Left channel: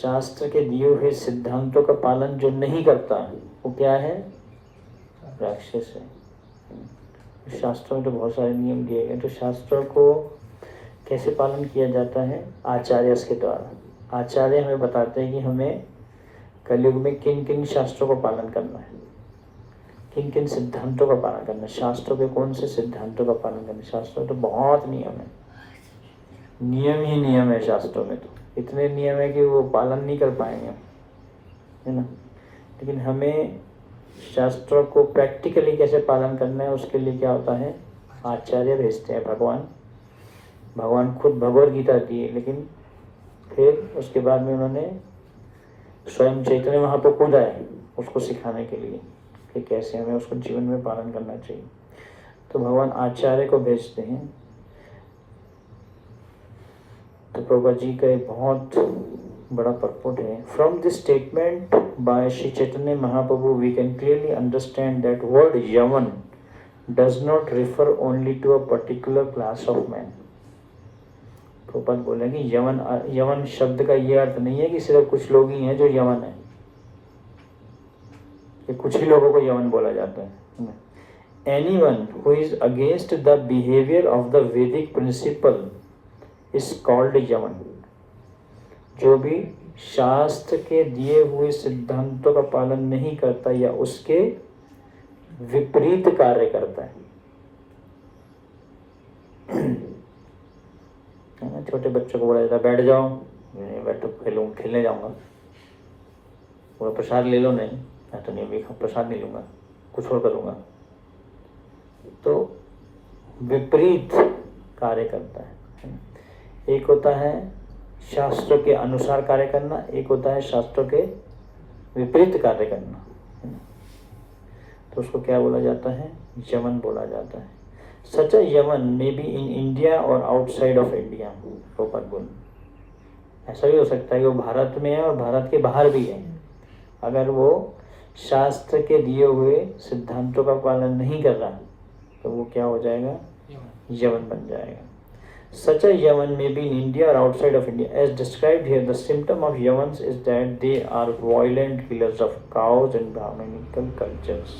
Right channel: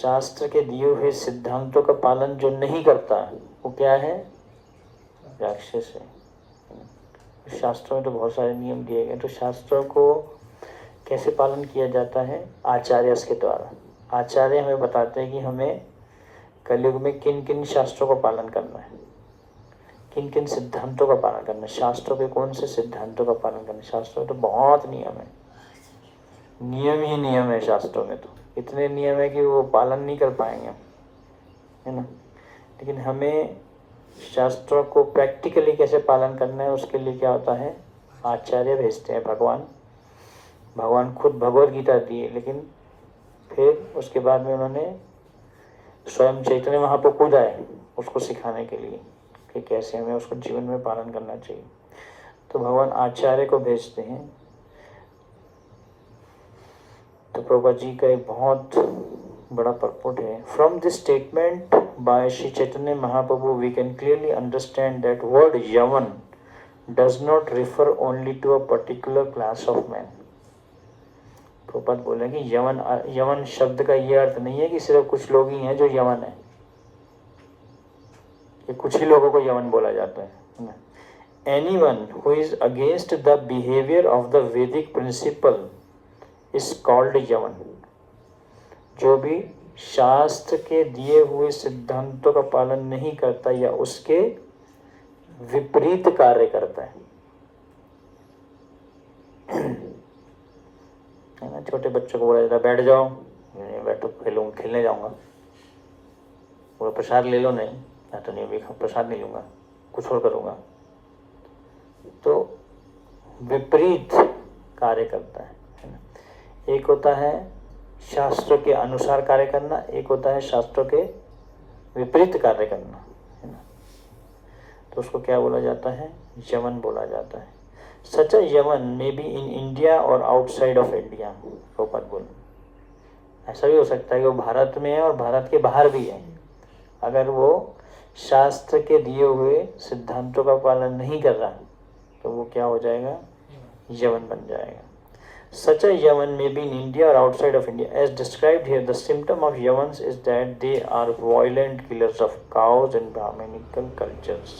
शास्त्र के दिए हुए सिद्धांतों का पालन जो नहीं करता वो क्या है? राक्षस है। शास्त्रों में तो बहुत सारे नियम दिए गए, तो शास्त्रों को कैसे पालन किया जाता है? आचार्य के द्वारा। आचार्य हमें बताते हैं कि हमें कलयुग में किन किन शास्त्रों का पालन करना है, किन किन सिद्धांतों का पालन करना है। शास्त्रों के कौन से सिद्धांतों का पालन करना है? शास्त्रों में तो बहुत नियम है, नियम ही नियम है शास्त्रों में, तो इतने नियम है कि वो पालन नहीं कर पाएंगे, है ना। लेकिन हमें शास्त्रों को प्रैक्टिकली कैसे पालन करना है उसके लिए क्या होता है? आचार्य भेजते हैं भगवान खुद भगवद गीता दी है, लेकिन फिर उसके बाद में उन्होंने स्वयं चैतन्य महाप्रभु खुद आए उसको सिखाने के लिए कि कैसे हमें उसको जीवन में पालन करना चाहिए। तो भगवान आचार्य को भेजते हैं। तो प्रभुपाद जी का एक बहुत बड़ा परपोर्ट है। From this statement by Shri Chaitanya Mahaprabhu we can clearly understand that word यवन does not refer only to a particular class of man. Prabhupada बोले कि यवन शब्द का ये अर्थ नहीं है कि सिर्फ कुछ लोग ही हैं जो यवन है, कि कुछ ही लोगों को यवन बोला जाता है। Anyone who is against the behaviour of the वैदिक प्रिंसिपल इज कॉल्ड यवन। जो भी शास्त्र के दिए हुए सिद्धांतों का पालन नहीं करता या उसके विपरीत कार्य करता है। छोटे बच्चों को बोला जाता है बैठ जाओ, बैठो खेलने जाऊंगा, वो प्रसाद ले लो। नहीं, मैं तो नहीं, प्रसाद नहीं लूंगा, कुछ और करूंगा। तो विपरीत कार्य करता है। एक होता है शास्त्रों के अनुसार कार्य करना, एक होता है शास्त्रों के विपरीत कार्य करना। तो उसको क्या बोला जाता है? यवन बोला जाता है। सच अ यवन मे बी इन इंडिया और आउटसाइड ऑफ इंडिया। प्रभुपाद बोले ऐसा भी हो सकता है कि वो भारत में है और भारत के बाहर भी है। अगर वो शास्त्र के दिए हुए सिद्धांतों का पालन नहीं कर रहा तो वो क्या हो जाएगा? यवन बन जाएगा। Such a yavan may be in India or outside of India. As described here, the symptom of yavans is that they are violent killers of cows and Brahminical cultures.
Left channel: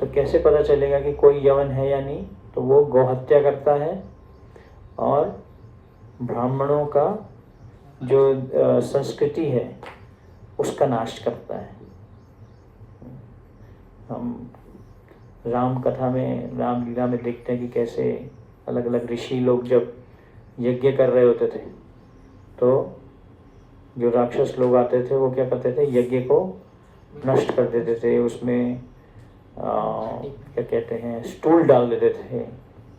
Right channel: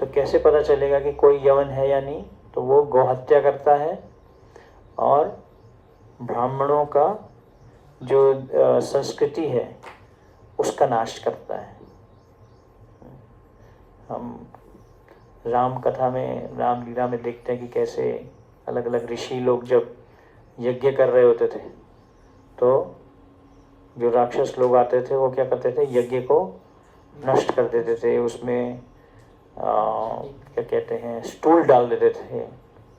तो कैसे पता चलेगा कि कोई यवन है या नहीं? तो वो गौहत्या करता है और ब्राह्मणों का जो संस्कृति है उसका नाश करता है। हम राम कथा में, रामलीला में देखते हैं कि कैसे अलग अलग ऋषि लोग जब यज्ञ कर रहे होते थे तो जो राक्षस लोग आते थे वो क्या करते थे? यज्ञ को नष्ट कर देते थे। उसमें क्या कहते हैं, स्टूल डाल देते थे,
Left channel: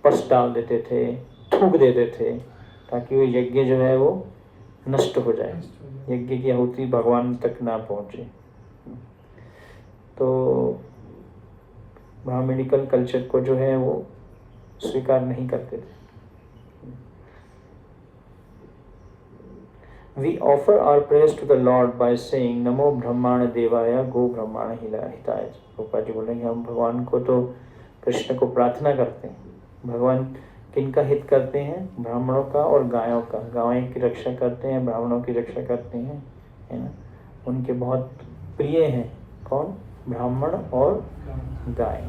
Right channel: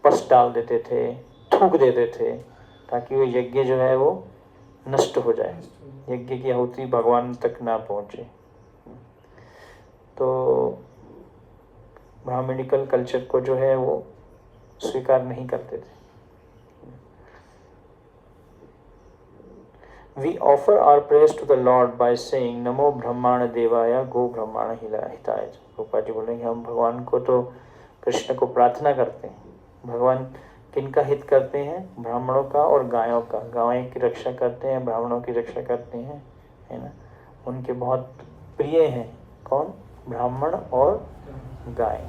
पस डाल देते थे, थूक देते थे, ताकि वो यज्ञ जो है वो नष्ट हो जाए, यज्ञ की आहुति भगवान तक ना पहुंचे। तो ब्राह्मणिकल कल्चर को जो है वो स्वीकार नहीं करते थे। We offer our praise to the Lord by saying नमो ब्रह्माण देवाय गो ब्रह्माण हिताय। गोपाल जी बोले हम भगवान को तो, कृष्ण को प्रार्थना करते हैं। भगवान किनका हित करते हैं? ब्राह्मणों का और गायों का। गायों की रक्षा करते हैं, ब्राह्मणों की रक्षा करते हैं, है ना। उनके बहुत प्रिय हैं। कौन? ब्राह्मण और गाय।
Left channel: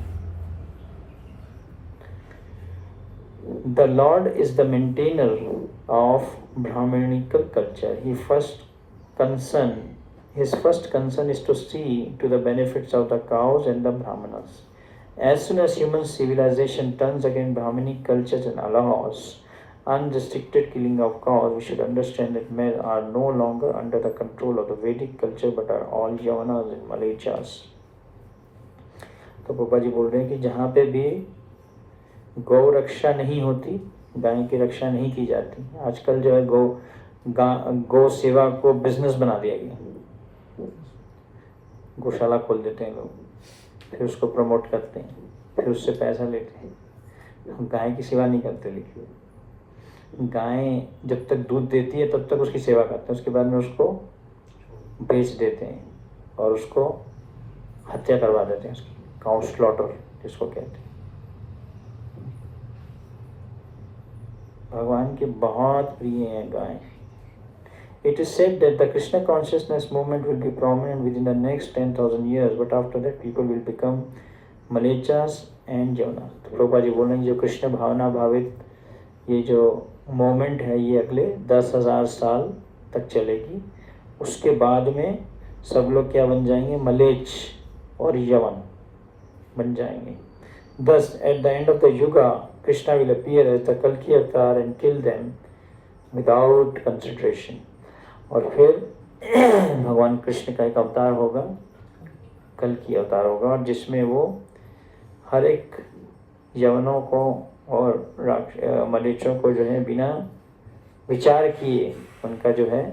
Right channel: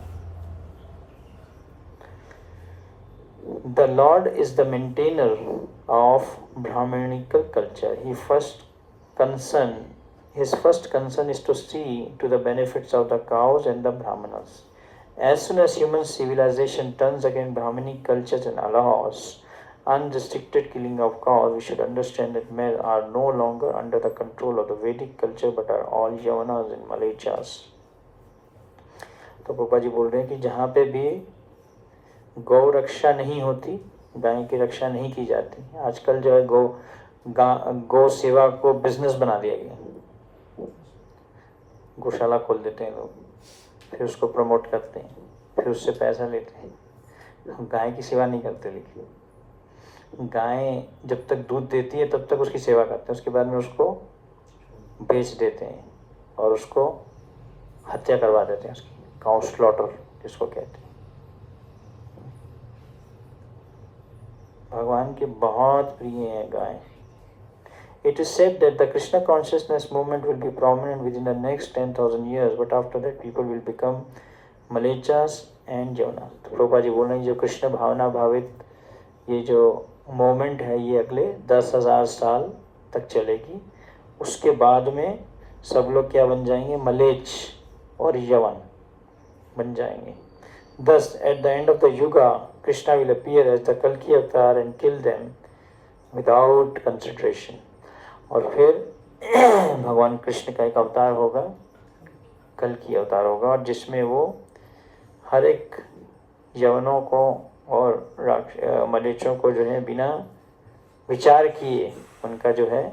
The Lord is the maintainer of Brahminical culture. His first concern is to see to the benefits of the cows and the Brahmanas. As soon as human civilization turns against Brahminic cultures and allows unrestricted killing of cows, we should understand that men are no longer under the control of the Vedic culture but are all Yavanas and Malachas. तो पापा जी बोल रहे हैं कि जहाँ पे भी गौ रक्षा नहीं होती, गाय की रक्षा नहीं की जाती। आजकल जो है गौ सेवा को बिजनेस बना दिया गया। गौशाला खोल देते हैं लोग, फिर उसको प्रमोट करते हैं, फिर उससे पैसा लेते हैं। गाय की सेवा नहीं करते। लेकिन गाय जब तक दूध देती है तब तक उसकी सेवा करते हैं, उसके बाद में उसको बेच देते हैं और उसको हत्या करवा देते हैं, उसकी काउ स्लॉटर जिसको कहते हैं। भगवान के बहुत प्रिय है गाय। It is said that the Krishna consciousness movement will be prominent within the next 10,000 years, but after that people will become मलेचास एंड यमुना। तो प्रभुपाद जी बोल रहे हैं जो कृष्ण भावना भावित ये जो मोमेंट है ये अगले 10,000 साल तक चलेगी। उसके बाद में सब लोग क्या बन जाएंगे, मलेच और यवन बन जाएंगे। Thus at the end of the yuga Krishna will appear as the Kalki avatar and kill them without consideration। और फिर भगवान कृष्ण का एक अवतार होगा, कल्कि अवतार होगा, और जिसमें वो हर एक यवनों को और मलेचों को जो है बिना विचार किए उनका जो है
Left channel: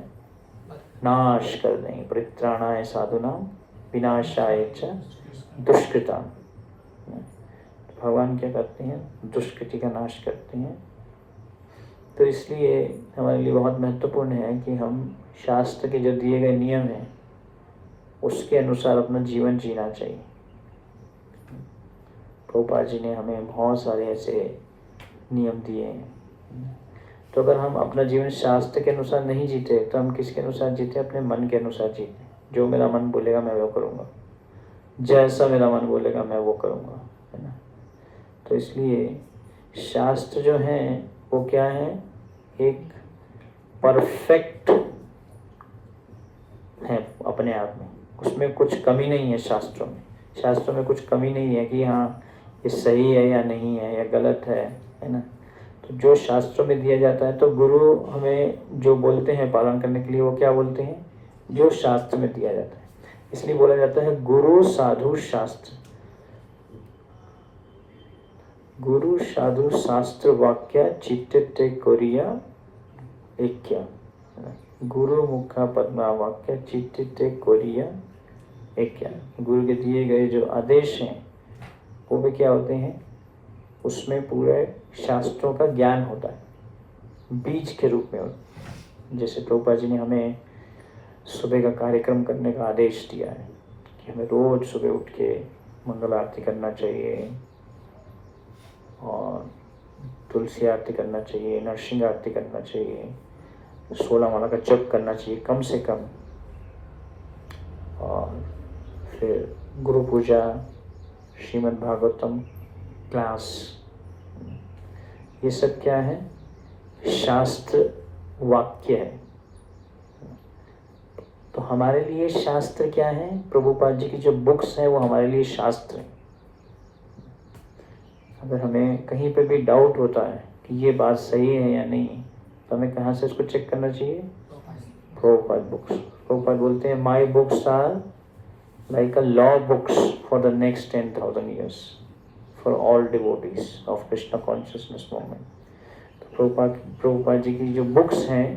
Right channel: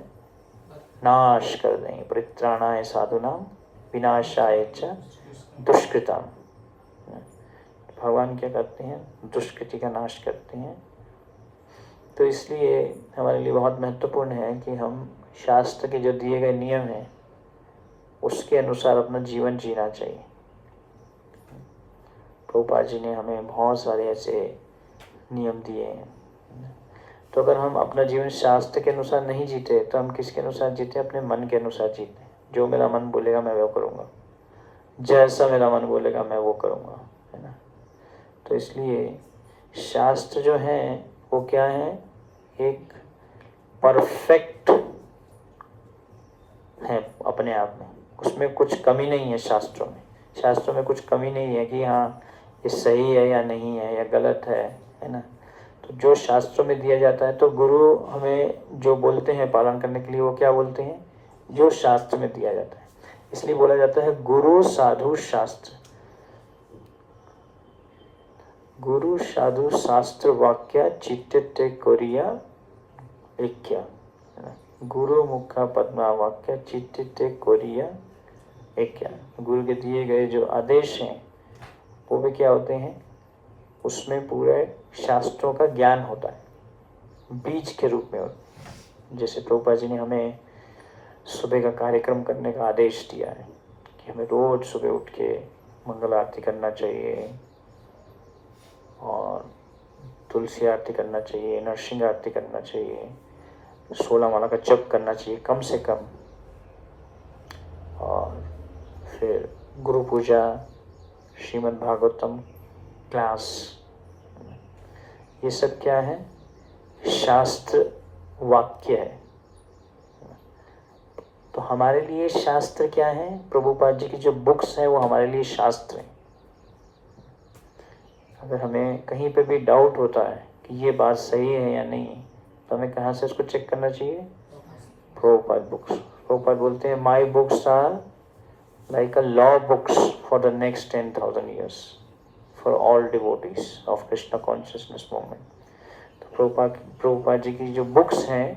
नाश कर देंगे। परित्राणाय साधुनाम विनाशाय च दुष्कृताम। भगवान क्या करते हैं, दुष्कृति का नाश करते हैं। तो इसलिए हमारे लिए बहुत महत्वपूर्ण है कि हम शास्त्र के जो दिए गए नियम हैं उसके अनुसार अपना जीवन जीना चाहिए। प्रभुपाद जी ने हमें बहुत सारे ऐसे नियम दिए हैं। तो अगर हम अपना जीवन शास्त्र के अनुसार नहीं जीते तो हम किसके अनुसार जीते, अपने मन के अनुसार जीते। जो मेरा मन बोलेगा मैं वो करूँगा, जैसा मेरा मन बोलेगा मैं वो करूँगा, है ना। तो इसलिए शास्त्र जो है वो क्या है, एक परफेक्ट है अपने आप में, उसमें कुछ कमी नहीं है। शास्त्रों में कुछ कमी नहीं है कि हाँ ये सही है या नहीं है या गलत है ना। तो जो शास्त्रों में दिया जाता है, तो गुरु हमें जो बोलते हैं पालन करने के लिए वो क्या बोलते हैं, जो शास्त्र में दिया जाता है। इसलिए बोला जाता है गुरु साधु शास्त्र। गुरु साधु शास्त्र वाक्य चित्ते कोरिया ऐक्य। गुरु मुखा पद्मा वाक्य चित्ते कोरिया ऐक्य। गुरु के दिए गए जो आदेश हैं वो भी क्या होते हैं, उसमें पूरे शास्त्रों का ज्ञान होता है बीज के रूप में। जैसे प्रभुपाद जी ने हमें सुबह का कार्यक्रम करने का आदेश दिया है कि हमें रोज सुबह उठ के मंगल आरती करना चाहिए और तुलसी आरती करना चाहिए, नरसिंह आरती करना चाहिए, 16 माला का जप करना चाहिए कम से कम, और फिर गुरु पूजा, श्रीमद् भागवतम क्लास, ये सब क्या है, शास्त्र वाक्य है। तो हमारे लिए शास्त्र क्या है, प्रभुपाद जी की जो बुक्स हैं वो हमारे लिए शास्त्र है। अगर हमें कहीं पे भी डाउट होता है कि ये बात सही है या नहीं, तो हमें कहाँ से उसको चेक करना चाहिए, प्रभुपाद बुक्स। प्रभुपाद बोलते हैं my books are like a law books for the next 10,000 years for all devotees of Krishna consciousness movement। तो प्रभुपाद जी की जो बुक्स हैं,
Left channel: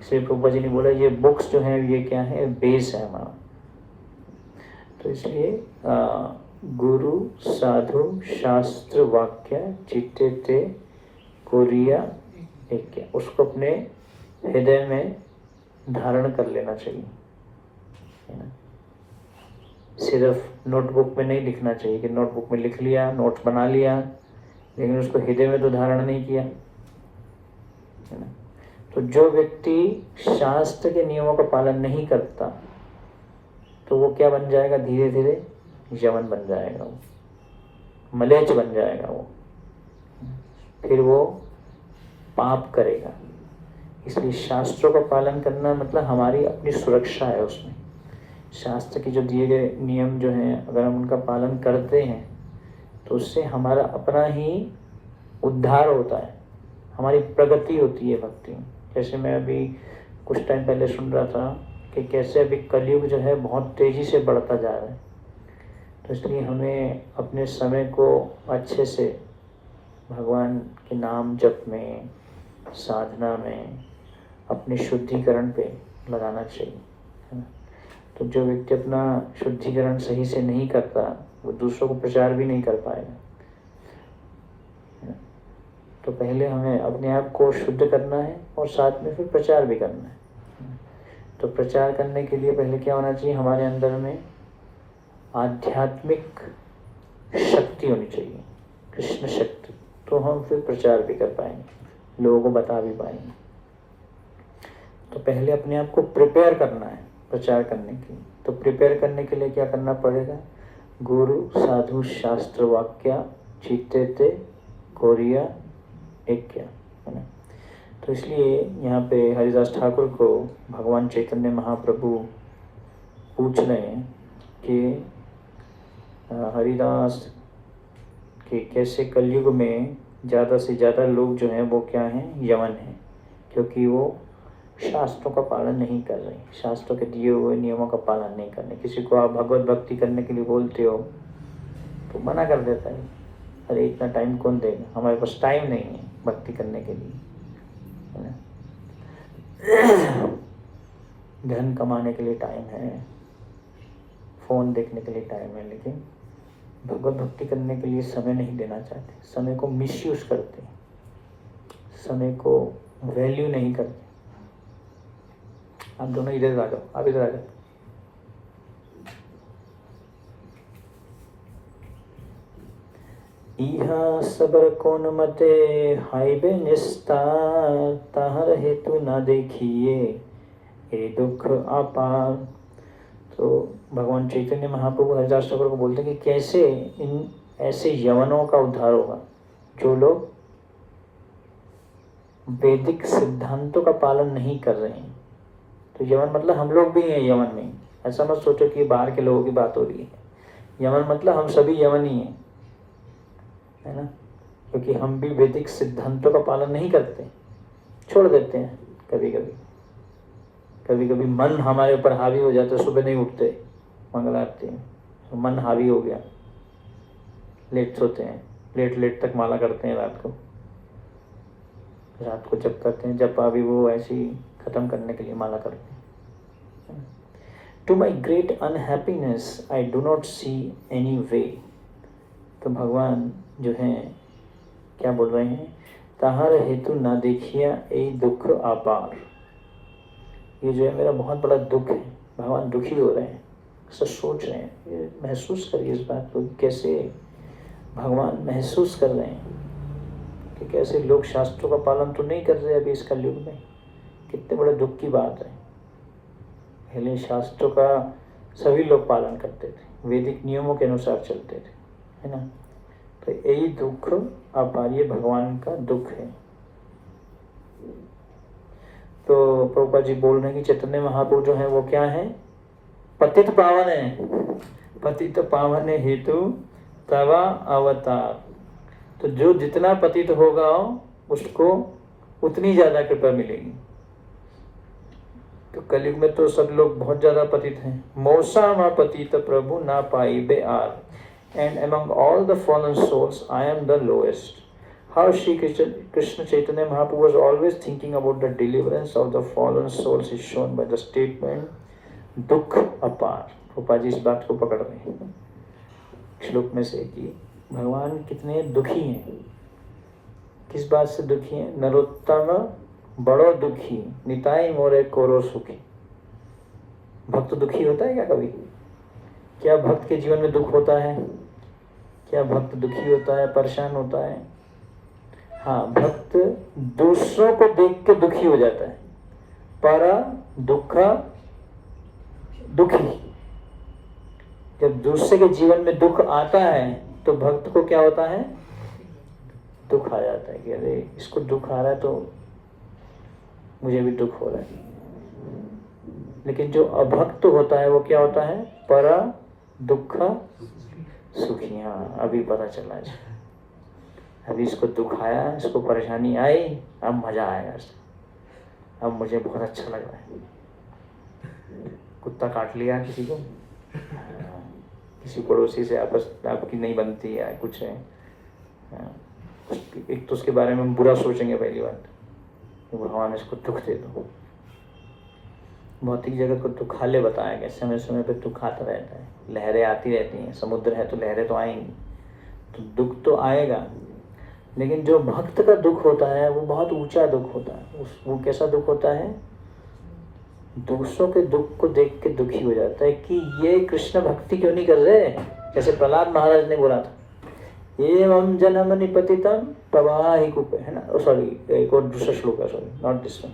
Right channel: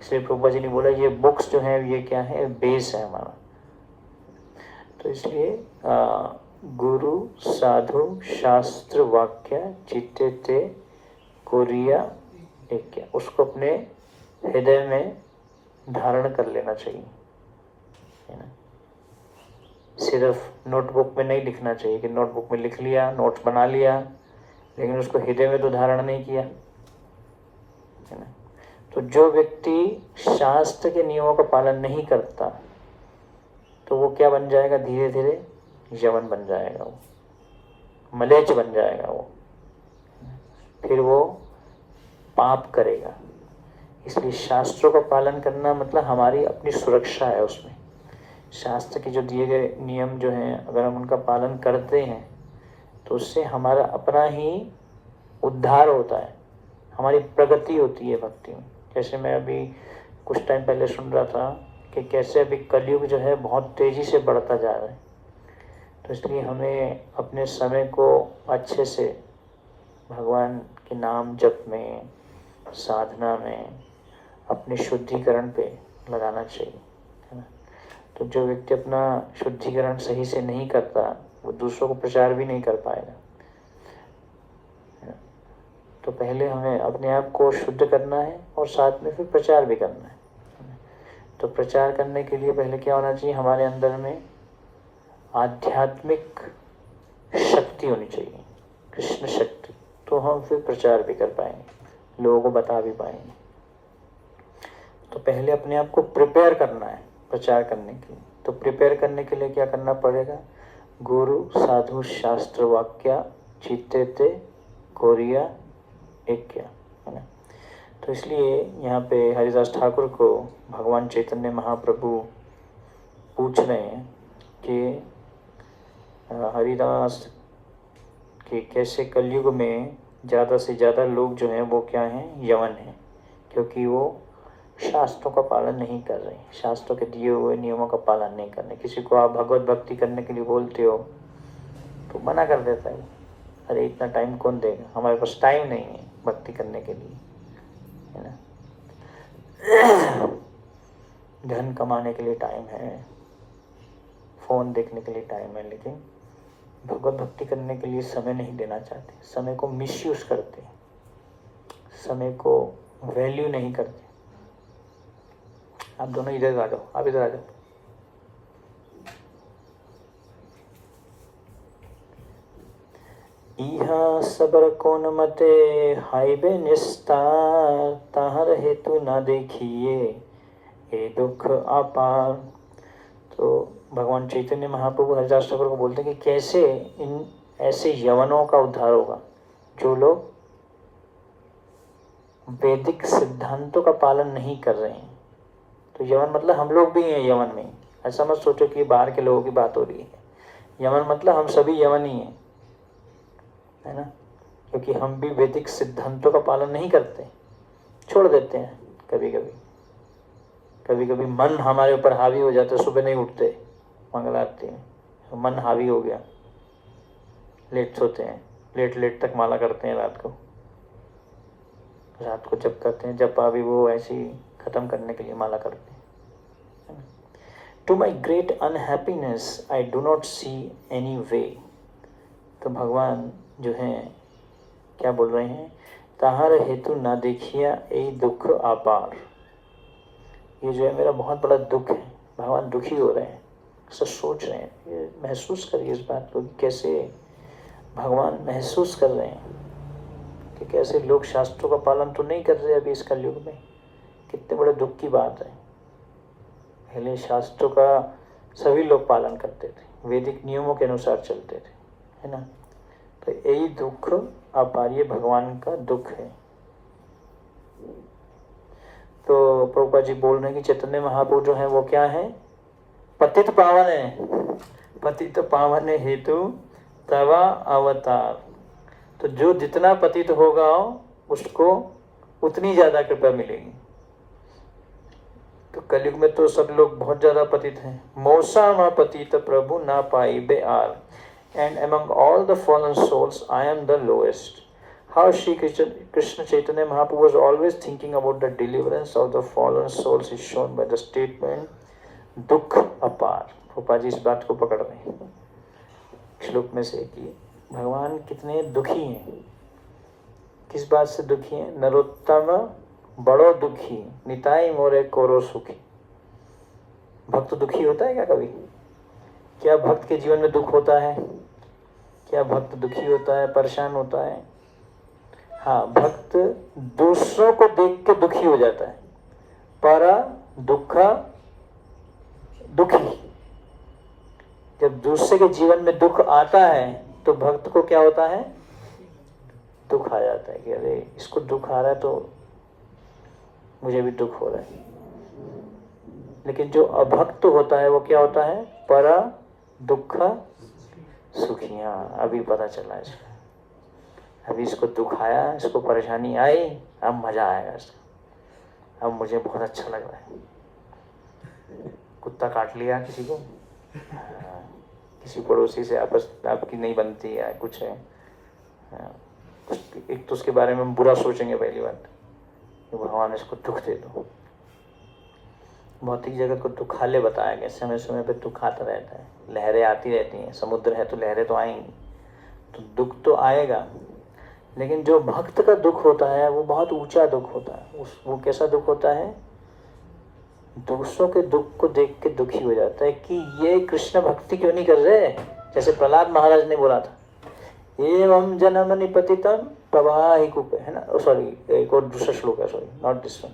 इसलिए प्रभुपाद जी ने बोला ये बुक्स जो हैं ये क्या है, बेस है हमारा। तो इसलिए गुरु साधु शास्त्र वाक्य चित्ते कोरिया ऐक्य, उसको अपने हृदय में धारण कर लेना चाहिए, है ना। सिर्फ नोटबुक में नहीं लिखना चाहिए कि नोटबुक में लिख लिया, नोट्स बना लिया, लेकिन उसको हृदय में तो धारण नहीं किया, है ना। तो जो व्यक्ति शास्त्र के नियमों का पालन नहीं करता तो वो क्या बन जाएगा, धीरे धीरे यवन बन जाएगा, वो मलेच बन जाएगा, वो फिर वो पाप करेगा। इसलिए शास्त्रों का पालन करना मतलब हमारी अपनी सुरक्षा है। उसमें शास्त्र के जो दिए गए नियम जो हैं, अगर हम उनका पालन करते हैं तो उससे हमारा अपना ही उद्धार होता है, हमारी प्रगति होती है भक्ति में। जैसे मैं अभी कुछ टाइम पहले सुन रहा था कि कैसे अभी कलयुग जो है बहुत तेज़ी से बढ़ता जा रहा है। तो इसलिए हमें अपने समय को अच्छे से भगवान के नाम जप में, साधना में, अपने शुद्धिकरण पे लगाना चाहिए, है ना। तो जो व्यक्ति अपना शुद्धिकरण सही से नहीं करता वो दूसरों को प्रचार भी नहीं कर पाएगा। तो पहले हमें अपने आप को शुद्ध करना है और साथ में फिर प्रचार भी करना है। तो प्रचार करने के लिए पहले क्या होना चाहिए, हमारे अंदर में आध्यात्मिक शक्ति होनी चाहिए, कृष्ण शक्ति। तो हम फिर प्रचार भी कर पाएंगे, लोगों को बता भी पाएंगे। तो पहले अपने आप को प्रिपेयर करना है प्रचार करने के लिए। तो प्रिपेयर करने के लिए क्या करना पड़ेगा? गुरु साधु शास्त्र वाक्य चित्ते कोरिया एक क्या, है ना। तो इसलिए यहाँ पे हरिदास ठाकुर को भगवान चैतन्य महाप्रभु पूछ रहे हैं कि हरिदास कि कैसे कलयुग में ज़्यादा से ज़्यादा लोग जो हैं वो क्या हैं? यवन हैं, क्योंकि वो शास्त्रों का पालन नहीं कर रहे, शास्त्रों के दिए हुए नियमों का पालन नहीं कर रहे। किसी को आप भगवत भक्ति करने के लिए बोलते हो तो मना कर देता है, अरे इतना टाइम कौन देगा, हमारे पास टाइम नहीं है भक्ति करने के लिए, है ना। धन कमाने के लिए टाइम है, फोन देखने के लिए टाइम है, लेकिन भगवत भक्ति करने के लिए समय नहीं देना चाहते, समय को मिसयूज करते हैं, समय को वैल्यू नहीं करते। आप दोनों इधर आ जाओ, आप इधर आ जाओ। इहा सबर कोन मते हाइबे निस्तार, ताहर हेतु न देखिए ये दुख अपार। तो भगवान चैतन्य महाप्रभु हरिदास ठाकुर को बोलते हैं कि कैसे इन ऐसे यवनों का उद्धार होगा जो लोग वैदिक सिद्धांतों का पालन नहीं कर रहे हैं। तो यवन मतलब हम लोग भी हैं यवन में, ऐसा मत सोचो कि बाहर के लोगों की बात हो रही है। यवन मतलब हम सभी यवन ही हैं, है ना, क्योंकि हम भी वैदिक सिद्धांतों का पालन नहीं करते, छोड़ देते हैं। कभी कभी मन हमारे ऊपर हावी हो जाता है, सुबह नहीं उठते मंगल आरती में, तो मन हावी हो गया, लेट सोते हैं, लेट तक माला करते हैं, रात को जप करते हैं, जप अभी वो ऐसे ही खत्म करने के लिए माला करते हैं। To my great unhappiness I do not see any way. तो भगवान जो हैं क्या बोल रहे हैं? ताहर हेतु ना देखिया ए दुख अपार। ये जो है मेरा बहुत बड़ा दुख है, भगवान दुखी हो रहे हैं, ऐसा सोच रहे हैं। महसूस करिए इस बात को, कैसे भगवान महसूस कर रहे हैं कि कैसे लोग शास्त्रों का पालन तो नहीं कर रहे अभी इस कलयुग में। कितने बड़े दुख की बात है। पहले शास्त्रों का सभी लोग पालन करते थे, वैदिक नियमों के अनुसार चलते थे, है ना। तो यही दुख अपार, ये भगवान का दुख है। तो प्रभुपाद जी बोल रहे हैं कि चैतन्य महाप्रभु जो है वो क्या है? पतित पावन है, पतित पावन हेतु तवा अवतार। तो जो जितना पतित होगा उसको उतनी ज्यादा कृपा मिलेगी। तो कलयुग में तो सब लोग बहुत ज्यादा पतित हैं। मौसा मा पतित प्रभु ना पाई बे आर, and among all the fallen souls I am the lowest. How Shri Krishna Chaitanya Mahaprabhu was always thinking about the deliverance of the fallen souls is shown by the statement दुख अपार। गोपाल जी इस बात को पकड़ रहे हैं श्लोक में से कि भगवान कितने दुखी हैं। किस बात से दुखी हैं? नरोत्तम बड़ो दुखी निताई मोरे कोरो सुखी। भक्त दुखी होता है क्या कभी? क्या भक्त के जीवन में दुख होता है? क्या भक्त दुखी होता है, परेशान होता है? हाँ, भक्त दूसरों को देख के दुखी हो जाता है। पर दुख दुखी, जब दूसरे के जीवन में दुख आता है तो भक्त को क्या होता है? दुख आ जाता है कि अरे इसको दुख आ रहा है तो मुझे भी दुख हो रहा है। लेकिन जो अभक्त होता है वो क्या होता है? पर दुख सुखी। हाँ, अभी पता चला इसको, अभी इसको दुख आया, इसको परेशानी आई, अब मजा आया इसको, अब मुझे बहुत अच्छा लग रहा है। कुत्ता काट लिया किसी को, किसी पड़ोसी से आपस आपकी नहीं बनती है, कुछ है, एक तो उसके बारे में हम बुरा सोचेंगे पहली बात, तो भगवान इसको दुख दे दो। भौतिक जगत को दुखालय बताया गया, समय समय पे दुख आता रहता है, लहरें आती रहती हैं, समुद्र है तो लहरें तो आएंगी, तो दुख तो आएगा। लेकिन जो भक्त का दुख होता है वो बहुत ऊंचा दुख होता है। वो कैसा दुख होता है? दूसरों के दुख को देख के दुखी हो जाता है कि ये कृष्ण भक्ति क्यों नहीं कर रहे। जैसे प्रहलाद महाराज ने बोला था, एवं जनम निपतितम प्रवाहि कूपे, है ना। सॉरी, एक और दूसरा श्लोक है, sorry not this one.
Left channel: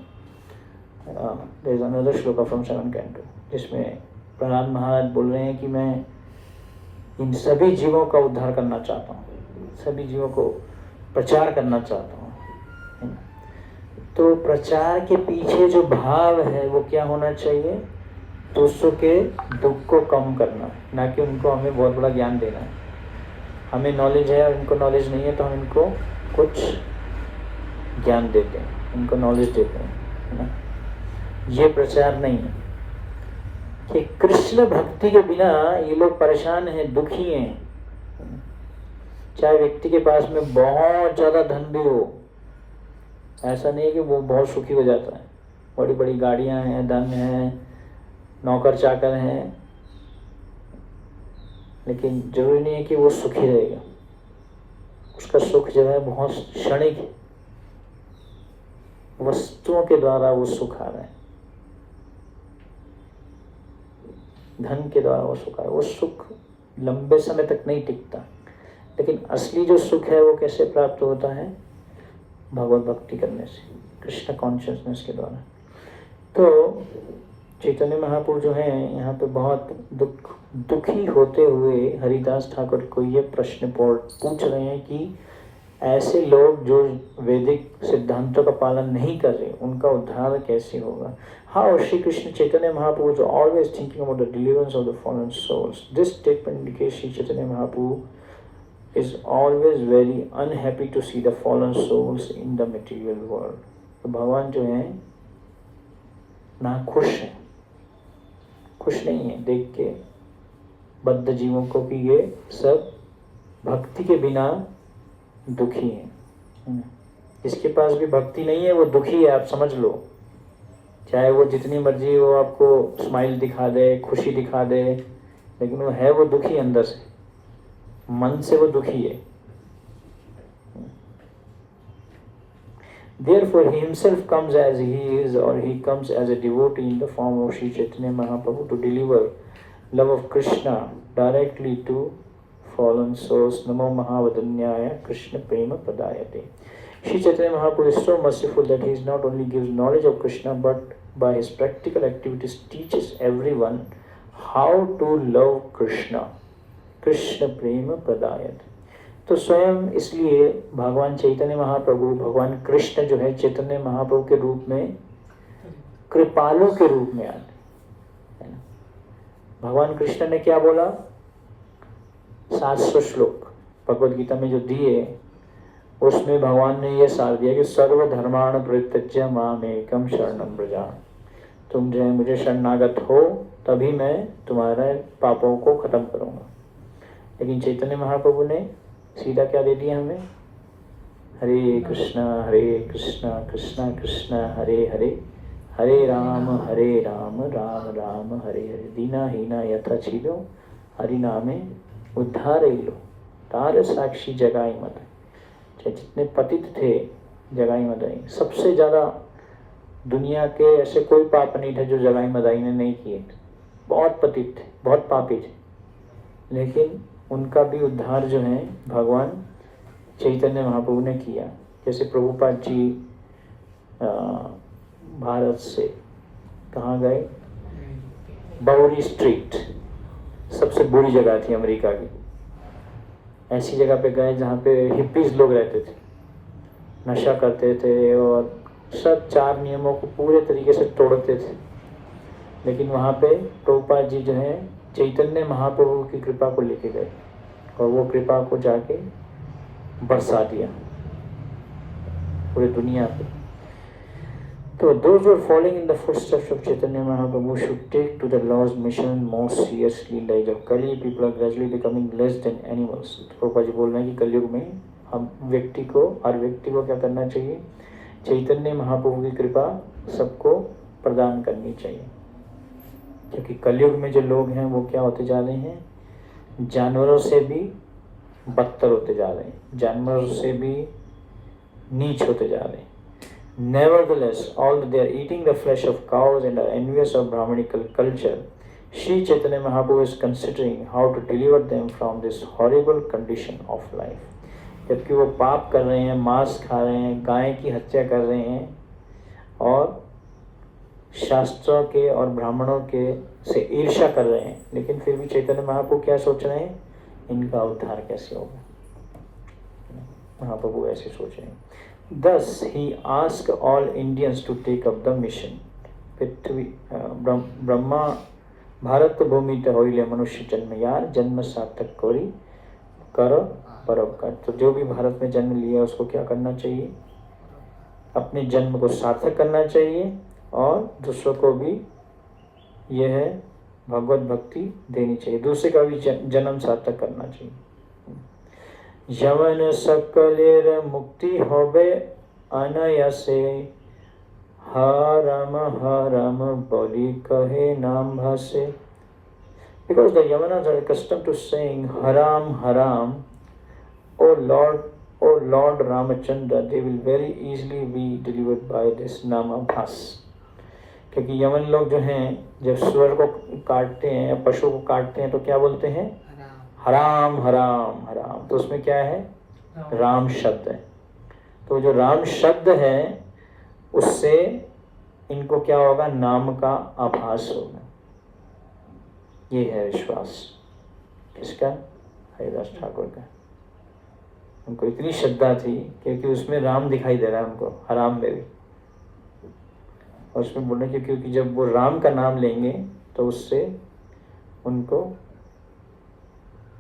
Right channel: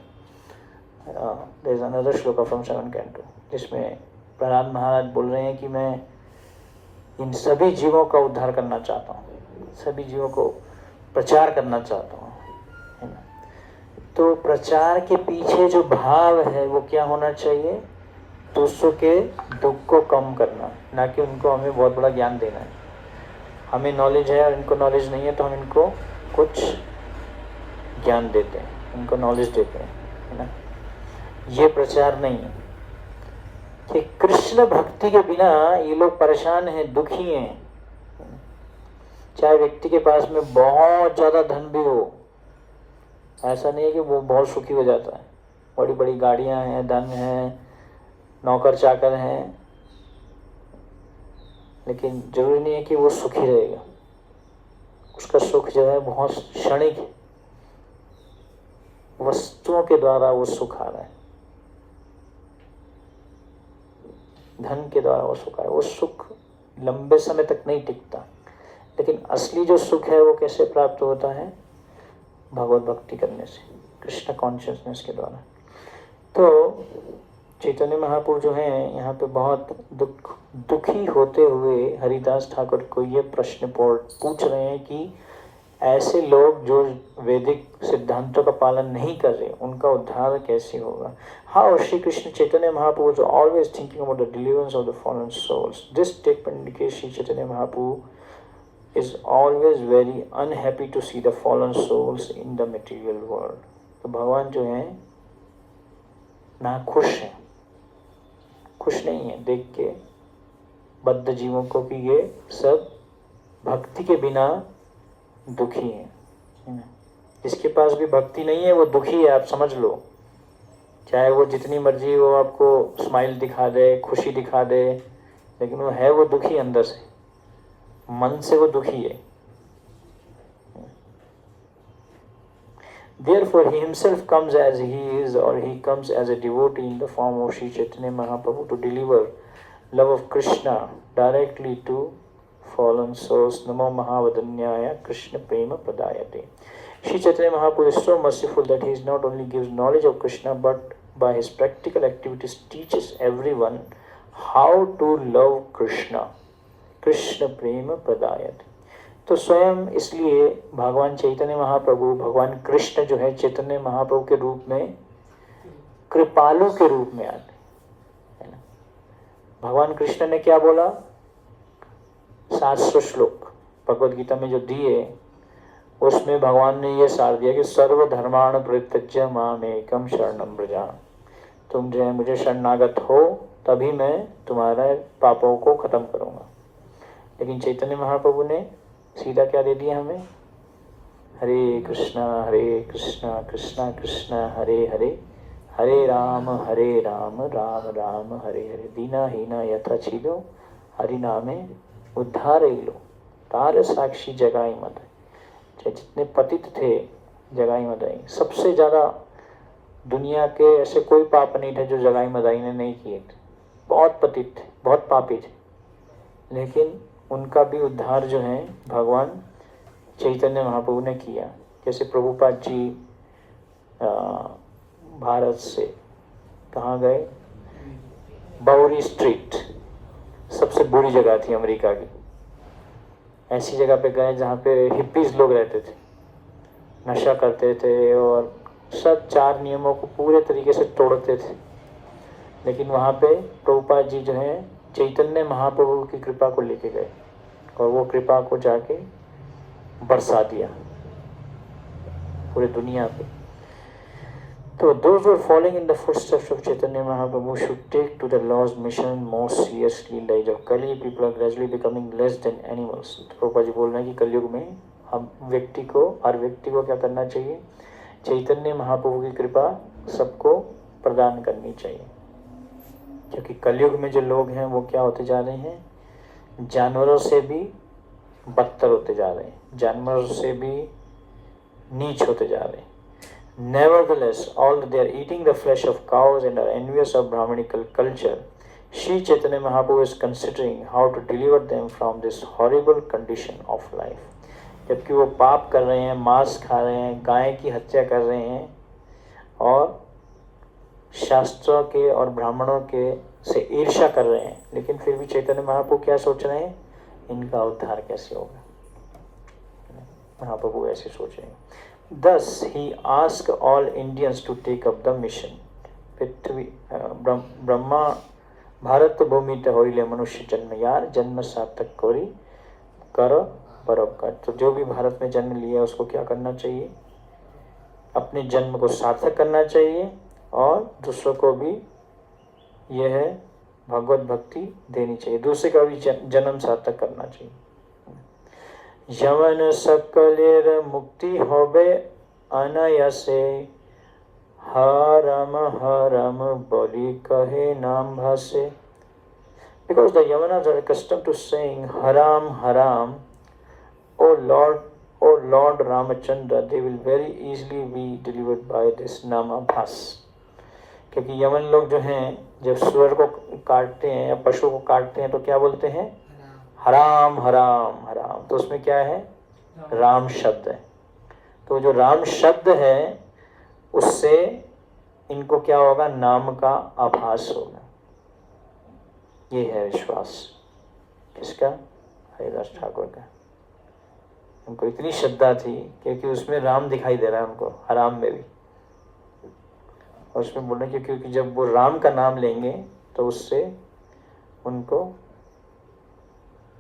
There is another shloka from 7th canto, जिसमें प्रहलाद महाराज बोल रहे हैं कि मैं इन सभी जीवों का उद्धार करना चाहता हूँ, सभी जीवों को प्रचार करना चाहता हूँ। तो प्रचार के पीछे जो भाव है वो क्या होना चाहिए? दूसरों के दुख को कम करना, ना कि उनको हमें बहुत बड़ा ज्ञान देना। हमें नॉलेज है और इनको नॉलेज नहीं है तो हम इनको कुछ ज्ञान देते हैं, इनको नॉलेज देते हैं, है ना। ये प्रचार नहीं है कि कृष्ण भक्ति के बिना ये लोग परेशान हैं, दुखी हैं। चाहे व्यक्ति के पास में बहुत ज़्यादा धन भी हो, ऐसा नहीं है कि वो बहुत सुखी हो जाता है। बड़ी बड़ी गाड़ियां हैं, धन है, नौकर चाकर हैं, लेकिन जरूरी नहीं है कि वो सुखी रहेगा। उसका सुख जो है बहुत क्षणिक है, वस्तुओं के द्वारा वो सुख आ रहा है, धन के द्वारा वो सुख आ रहा है। वो सुख लंबे समय तक नहीं टिकता, लेकिन असली जो सुख है वो कैसे प्राप्त होता है? भगवत भक्ति करने से, कृष्ण कॉन्शियसनेस के द्वारा। तो चैतन्य महाप्रभु जो हैं यहाँ पे बहुत दुखी होते हुए हरिदास ठाकुर को ये प्रश्न पूछ रहे हैं कि ऐसे लोग जो वैदिक सिद्धांतों का पालन नहीं कर रहे, उनका उद्धार कैसे होगा? हाउ श्री कृष्ण चैतन्य महाप्रभु जो always thinking about the deliverance of the fallen souls. This statement indicates Shri Chaitanya Mahaprabhu is always very unhappy to see the fallen souls in the material world. तो भगवान जो है ना खुश है, खुश नहीं है देख के बद्ध जीवों को कि ये सब भक्ति के बिना दुखी हैं। जिसके पास भी भक्ति नहीं है वो दुखी है, आप समझ लो। चाहे वो जितनी मर्जी वो आपको स्माइल दिखा दे, खुशी दिखा दे, लेकिन वो है वो दुखी अंदर से, मन से वो दुखी है। Therefore he himself comes as he is, or he comes as a devotee in the form of Sri Chaitanya Mahaprabhu to deliver love of Krishna directly to fallen souls. Namo Mahavadanyaya Krishna Prema Padayate. Sri Chaitanya Mahaprabhu is so merciful that he not only gives knowledge of Krishna, but by his practical activities teaches everyone how to love Krishna. Krishna प्रेम प्रदायत। तो स्वयं इसलिए भगवान चैतन्य महाप्रभु, भगवान कृष्ण जो है चैतन्य महाप्रभु के रूप में, कृपालु के रूप में आते। भगवान कृष्ण ने क्या बोला? 700 श्लोक भगवद गीता में जो दिए, उसमें भगवान ने यह सार दिया कि सर्वधर्माण परित्यज्य मामेकं शरणं व्रज। तुम जो है मुझे शरणागत हो तभी मैं तुम्हारे पापों को खत्म करूंगा। लेकिन चैतन्य महाप्रभु ने सीधा क्या दे दिया हमें? हरे कृष्णा कृष्णा कृष्णा हरे हरे, हरे राम राम राम हरे हरे। दीना हीना यथा छीदो हरि नामे उद्धार लो, तार साक्षी जगाई मत। जितने पतित थे जगाई मदाई, सबसे ज्यादा दुनिया के ऐसे कोई पाप नहीं थे जो जगाई मदाई ने नहीं किए थे। बहुत पतित थे, बहुत पापी थे, लेकिन उनका भी उद्धार जो है भगवान चैतन्य महाप्रभु ने किया। जैसे प्रभुपाद जी भारत से कहाँ गए? बाउरी स्ट्रीट, सबसे बुरी जगह थी अमेरिका की। ऐसी जगह पे गए जहाँ पे हिप्पीज लोग रहते थे, नशा करते थे और सब 4 नियमों को पूरे तरीके से तोड़ते थे। लेकिन वहाँ पे प्रभुपाद जी जो है चैतन्य महाप्रभु की कृपा को लेके गए और वो कृपा को जाके बरसा दिया पूरी दुनिया पे। तो those who are following in the footsteps of Chaitanya Mahaprabhu should take to the Lord's mission most seriously. Like of Kali, people are gradually becoming less than animals. Prabhupada ji बोल रहे हैं कि कलयुग में हम व्यक्ति को, हर व्यक्ति को क्या करना चाहिए? चैतन्य महाप्रभु की कृपा सबको प्रदान करनी चाहिए। क्योंकि कलयुग में जो लोग हैं वो क्या होते जा रहे हैं? जानवरों से भी बदतर होते जा रहे हैं, जानवरों से भी नीच होते जा रहे हैं। Nevertheless, although they are eating the flesh of cows and are envious of Brahmanical culture, Sri Chaitanya Mahaprabhu is considering how to deliver them from this horrible condition of life. जबकि वो पाप कर रहे हैं, मांस खा रहे हैं, गाय की हत्या कर रहे हैं और शास्त्रों के और ब्राह्मणों के से ईर्ष्या कर रहे हैं, लेकिन फिर भी चैतन्य महाप्रभु क्या सोच रहे हैं, इनका उद्धार कैसे होगा। महाप्रभु ऐसे सोच रहे हैं। Thus he asked all Indians to take up the mission. पृथ्वी ब्रह्मा भारत भूमि ते होइले मनुष्य जन्म यार, जन्म सार्थक करी करो परोपकार। तो जो भी भारत में जन्म लिया उसको क्या करना चाहिए, अपने जन्म को सार्थक करना चाहिए और दूसरों को भी यह है भगवत भक्ति देनी चाहिए, दूसरे का भी जन्म सार्थक करना चाहिए। यवन सकलेर मुक्ति होबे अनायासे, हरम बोली कहे नाम भासे। Because the Yavanas are accustomed to saying haram haram, oh Lord Ramachandra, they will very easily be delivered by this नामाभास। क्योंकि यमन लोग जो हैं जब सूअर को काटते हैं या पशु को काटते हैं तो क्या बोलते हैं, हराम हराम हराम। तो उसमें क्या है, राम शब्द है। तो जो राम शब्द है उससे इनको क्या होगा, नाम का आभास होगा। ये है विश्वास किसका, हरिदास ठाकुर का। उनको इतनी श्रद्धा थी क्योंकि उसमें राम दिखाई दे रहा है हमको, हराम में भी। और उसमें बोल रहे क्योंकि जब वो राम का नाम लेंगे तो उससे उनको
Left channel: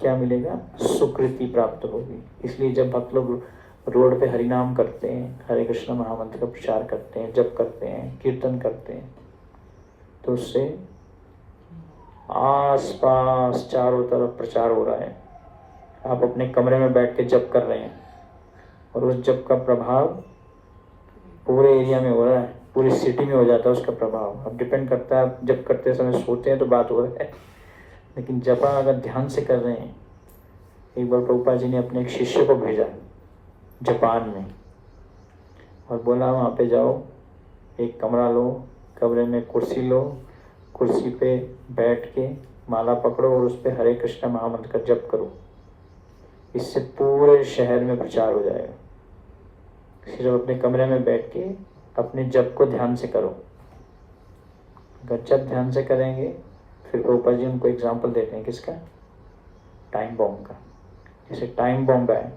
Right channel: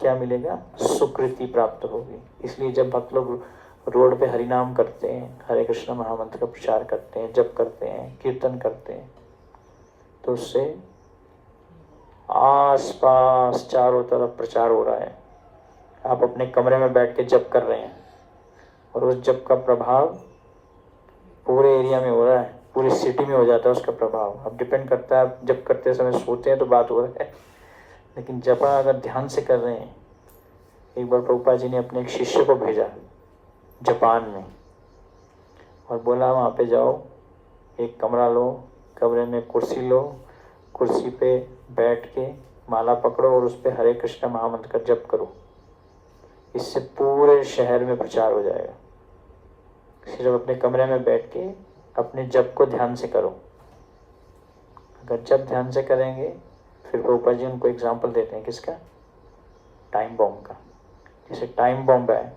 क्या मिलेगा, सुकृति प्राप्त होगी। इसलिए जब भक्त लोग रोड पे हरि नाम करते हैं, हरे कृष्ण महामंत्र का प्रचार करते हैं, जप करते हैं, कीर्तन करते हैं, तो उससे आसपास चारों तरफ प्रचार हो रहा है। आप अपने कमरे में बैठ के जप कर रहे हैं और उस जप का प्रभाव पूरे एरिया में हो रहा है, पूरी सिटी में हो जाता है उसका प्रभाव। अब डिपेंड करता है, आप जप करते समय सोते हैं तो बात हो रहा है, लेकिन जप अगर ध्यान से कर रहे हैं। एक बार प्रभुपाद जी ने अपने एक शिष्य को भेजा जापान में और बोला वहाँ पे जाओ, एक कमरा लो, कमरे में कुर्सी लो, कुर्सी पे बैठ के माला पकड़ो और उस पे हरे कृष्ण महामंत्र का जप करो। इससे पूरे शहर में प्रचार हो जाएगा। सिर्फ अपने कमरे में बैठ के अपने जप को ध्यान से करो। अगर जप ध्यान से करेंगे, फिर प्रभुपाद जी उनको एग्जाम्पल देते हैं किसका, टाइम बॉम्ब का। जैसे टाइम बॉम्ब है,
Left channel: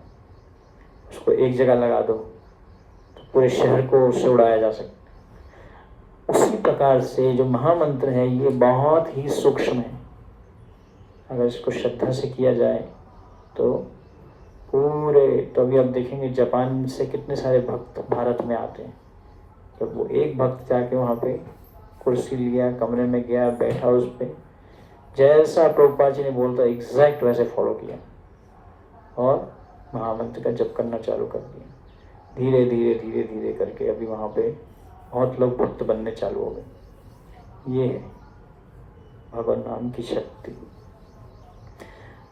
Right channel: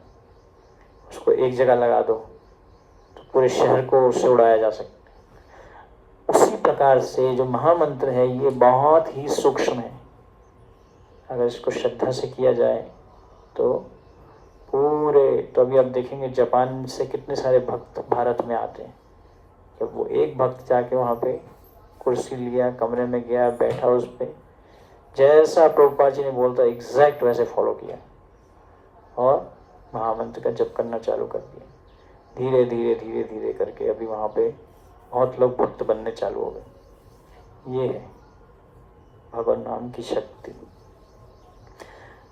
उसको एक जगह लगा दो तो पूरे शहर को उससे उड़ाया जा सकता। उसी प्रकार से जो महामंत्र है ये बहुत ही सूक्ष्म है। अगर इसको श्रद्धा से किया जाए तो पूरे, तो अभी आप देखेंगे जापान से कितने सारे भक्त भारत में आते हैं। जब वो एक भक्त जाके वहाँ पे कुर्सी लिया, कमरे में गया, बैठा, उस पे जैसा प्रभुपाद जी ने बोलता एग्जैक्ट वैसे फॉलो किया और महामंत्र का जप करना चालू कर दिया। धीरे धीरे धीरे धीरे करके अभी वहाँ पे बहुत लोग भक्त बनने चालू हो गए। ये है भगवान नाम की शक्ति।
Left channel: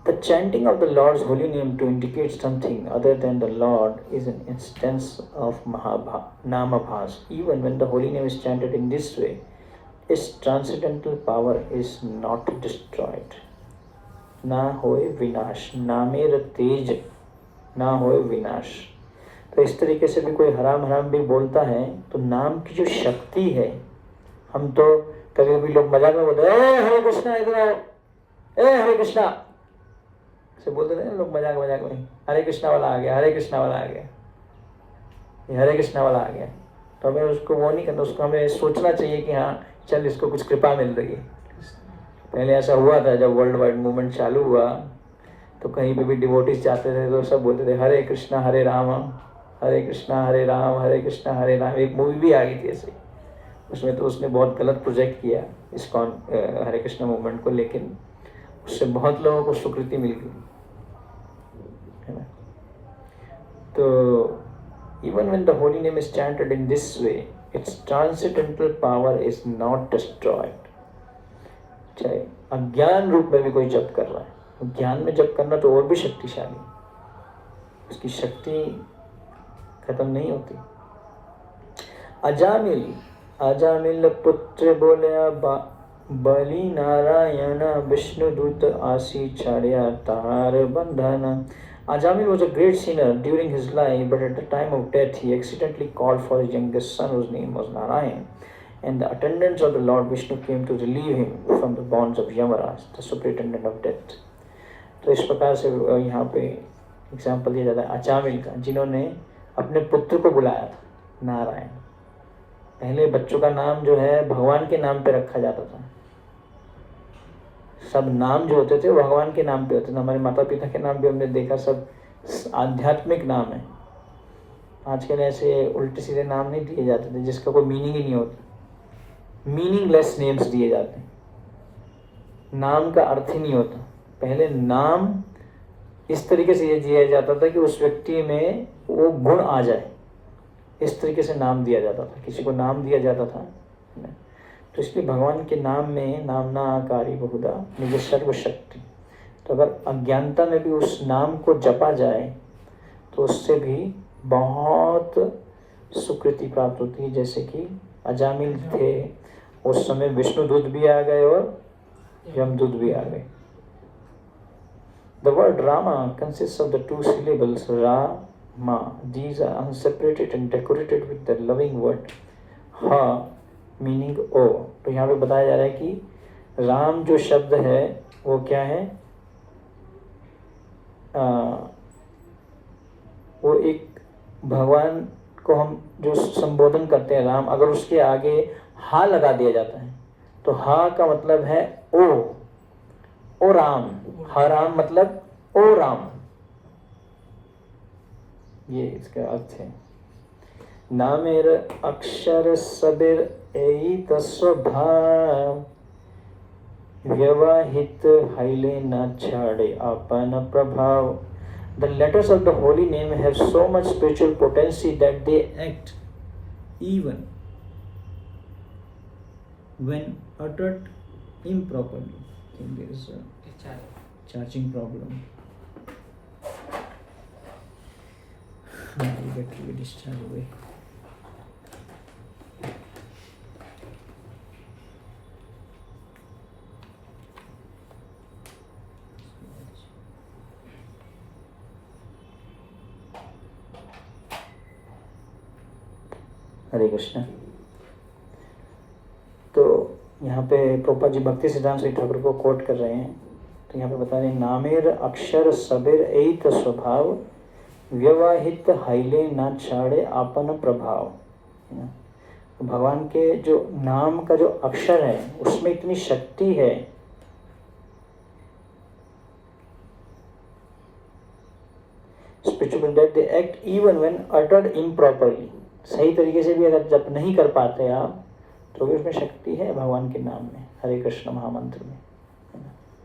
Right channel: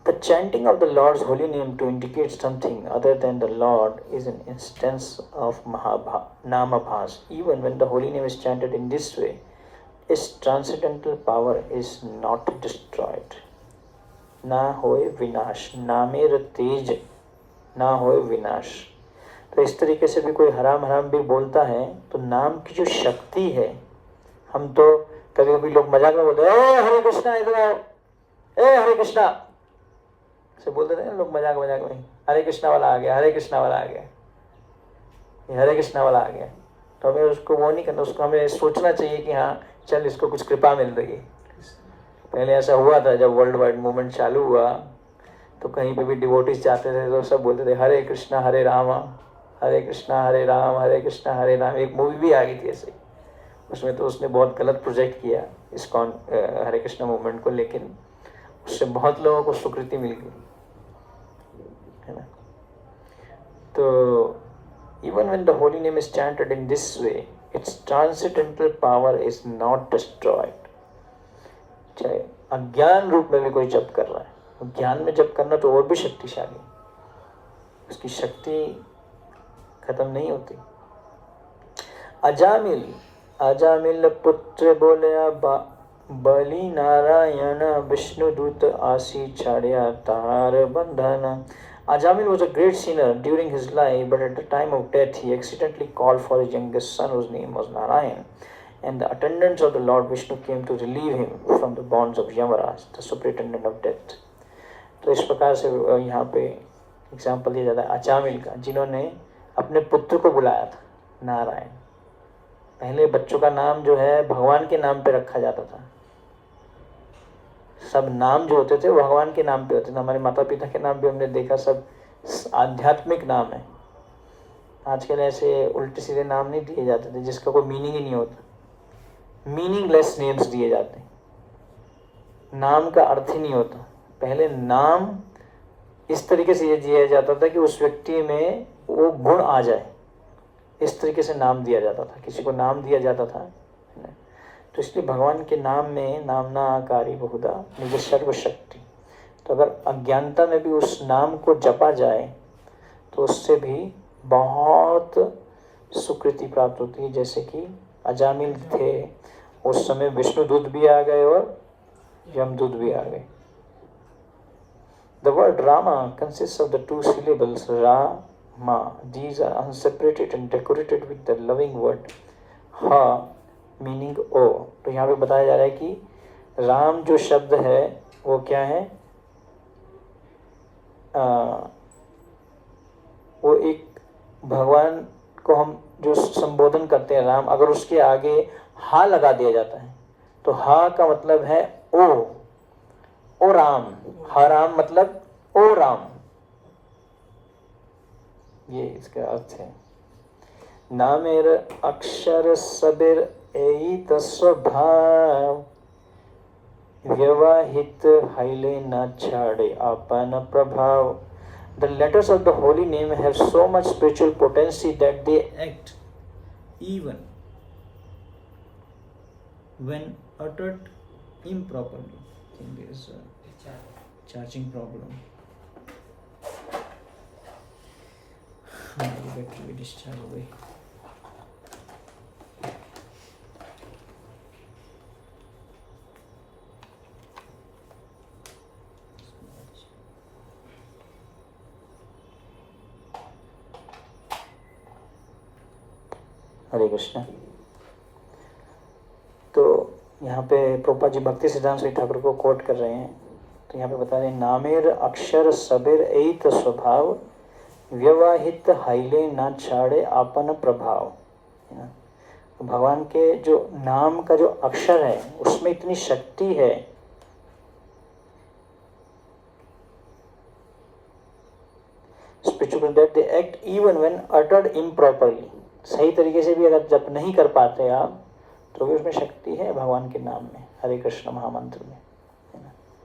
The chanting of the Lord's holy name to indicate something other than the Lord is an instance of Namabhas. Even when the holy name is chanted in this way, its transcendental power is not destroyed. ना होए विनाश, नामेर तेज ना होए विनाश। तो इस तरीके से भी कोई हराम हराम भी बोलता है तो नाम की जो शक्ति है, हम तो कभी कभी लोग मजाक में बोलते हैं हरे कृष्णा इधर आओ, हरे कृष्णा से बोलते थे ना लोग मजाक मजाक में, हरे कृष्णा वाला आ गया, हरे कृष्णा वाला आ गया, हरे कृष्णा वाला आ गया। तो हमें उसको वो नहीं करना, उसको हमें सोचना चाहिए कि हाँ चल इसको कुछ कृपा मिल रही है। पहले ऐसा हुआ था जब वर्ल्ड वाइड मूवमेंट चालू हुआ तो कहीं पे भी डिवोटीज जाते थे तो सब बोलते थे हरे कृष्णा हरे राम, हरे कृष्णा हरे राम, हरे कृष्णा हरे राम। एक मूवी भी आ गई थी ऐसे, उसमें तो उसने बहुत गलत प्रोजेक्ट किया इस्कॉन हरे कृष्णा मूवमेंट को, लेकिन उससे बहुत लोगों को स्वीकृति मिल गई। तो even when the holy name is chanted in this way, its transcendental power is not destroyed. चाहे अज्ञान रूप में भी कोई जप कर रहा है, ज्ञान में जप करना तो और भी शक्तिशाली, उसकी शक्ति खत्म नहीं होती। अजामिल पुत्र बोले बलि नारायण विष्णुदूत आसी छाड़िया तार बंधन। Ajamil was a great sinner during his life, but at the time of death he accidentally called for his youngest son whose name was Narayan. and the attendants of the Lord Vishnu came to relieve him from the bonds of Yamaraj, the superintendent of death. तो इस प्रकार से यहाँ पे example दिया जाता है अजामिल का, जिन्होंने अपने पुत्र को बुलाया था नारायण। पहले बच्चों का नाम जो है भगवान के नाम पे रखा जाता था, सब नाम जो होते थे वो भगवान के नाम पे होते थे। हमारे माता पिता के नाम भी हमने देखा सब आध्यात्मिक नाम है। आजकल ऐसे उल्टे सीधे नाम नहीं दिए जाते थे जिसका कोई मीनिंग ही नहीं होता, मीनिंगलेस नेम्स दिए जाते हैं, नाम का अर्थ ही नहीं होता। पहले नाम इस तरीके से ये दिया जाता था कि उस व्यक्ति में वो गुण आ जाए, इस तरीके से नाम दिया जाता था, किसी को नाम दिया जाता था। तो इसलिए भगवान के नाम में नामना आकारी बहुधा निज सर्वशक्ति, तो अगर अज्ञानता में भी उस नाम को जपा जाए तो उससे भी बहुत सुकृति प्राप्त होती है। जैसे कि अजामिल थे, उस समय विष्णुदूत भी आ गए और यमदूत भी आ गए। The word Rama consists of the two syllables Ra-ma. These are unseparated and decorated with the loving word Ha meaning O. तो यहाँ पे बताया जा रहा है कि राम जो शब्द है वो क्या है, वो एक भगवान को हम जो संबोधन करते हैं राम, अगर उसके आगे हा लगा दिया जाता है तो हा का मतलब है ओ राम, हा राम मतलब ओ राम, ये इसका अर्थ है। नामेर अक्षर सबेर एत स्वभाव, व्यवहित हाइले न छाड़े अपन प्रभाव। The letters of the holy name have so much spiritual potency that they act even when uttered improperly. I think there is a charging problem. The battery will discharge away. हरे कृष्ण। तो यहाँ पे प्रभुपाद जी भक्ति सिद्धांत श्री ठाकुर को कोट कर रहे हैं। तो यहाँ पे बता रहे हैं नामेर अक्षर सबेर एत स्वभाव, व्यवहित हाइले न छाड़े आपन प्रभाव। भगवान के जो नाम का जो अक्षर है उसमें इतनी शक्ति है, spiritual that they act even when uttered improperly। सही तरीके से भी अगर जप नहीं कर पाते आप तो भी उसमें शक्ति है भगवान के नाम में, हरे कृष्ण महामंत्र में।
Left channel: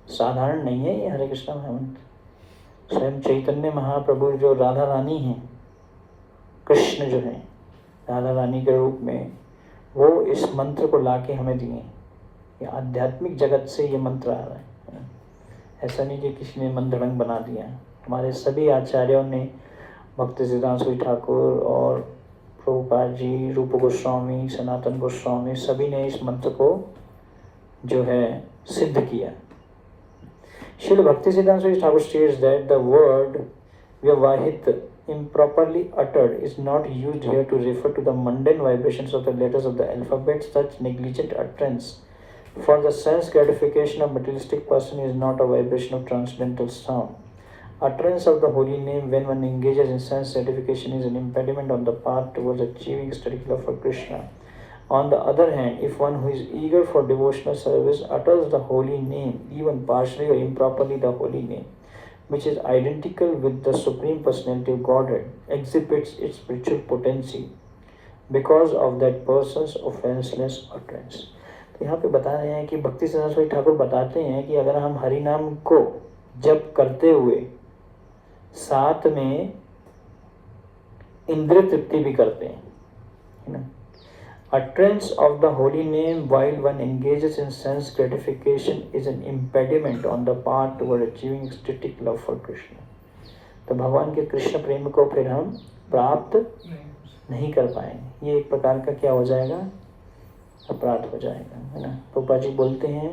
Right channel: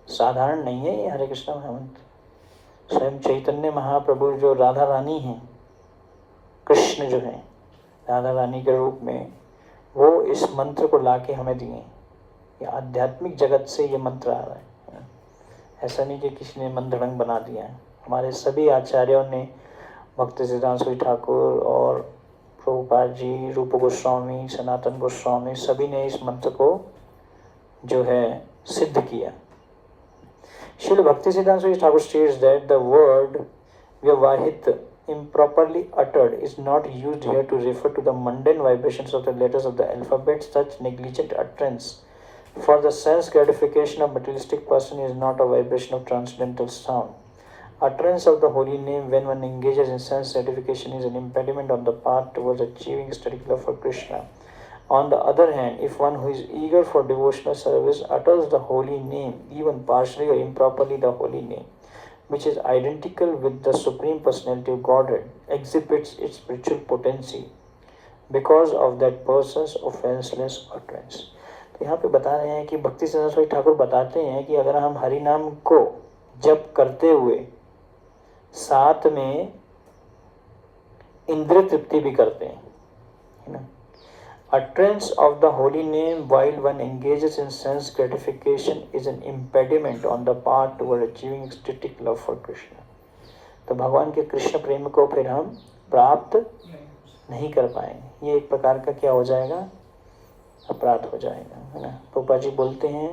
साधारण नहीं है ये हरे कृष्ण महामंत्र। स्वयं चैतन्य महाप्रभु जो राधा रानी हैं, कृष्ण जो है राधा रानी के रूप में, वो इस मंत्र को लाके हमें दिए। ये आध्यात्मिक जगत से ये मंत्र आ रहा है, ऐसा नहीं कि किसी ने मंत्रढंग बना दिया। हमारे सभी आचार्यों ने, भक्ति सिद्धांत श्री ठाकुर और प्रभुपाद जी, रूप गोस्वामी, सनातन गोस्वामी, सभी ने इस मंत्र को जो है सिद्ध किया। श्रील भक्ति सिद्धांत Shri Thakur states that the word vyavahit improperly uttered is not used here to refer to the mundane vibrations of the letters of the alphabet. Such negligent utterance for the sense gratification of materialistic person is not a vibration of transcendental sound. Utterance of the holy name when one engages in sense gratification is an impediment on the path towards achieving static love for Krishna. On the other hand, if one who is eager for devotional service utters the holy name, even partially or improperly the holy name, which is identical with the Supreme Personality of Godhead, exhibits its spiritual potency because of that person's offenseless utterance. तो यहाँ पे बता रहे हैं कि भक्ति सिद्धांत ठाकुर बताते हैं कि अगर हम हरि नाम को जप करते हुए साथ में इंद्रिय तृप्ति भी करते हैं, है ना। Utterance of the holy name while one engages in sense gratification is an impediment on the path toward achieving ecstatic love for Krishna. तो भगवान के कृष्ण प्रेम को फिर हम प्राप्त नहीं कर पाएंगे। ये एक प्रकार का क्या हो जाएगा, अपराध हो जाएगा, है ना। प्रभुपाद जी बोलते हैं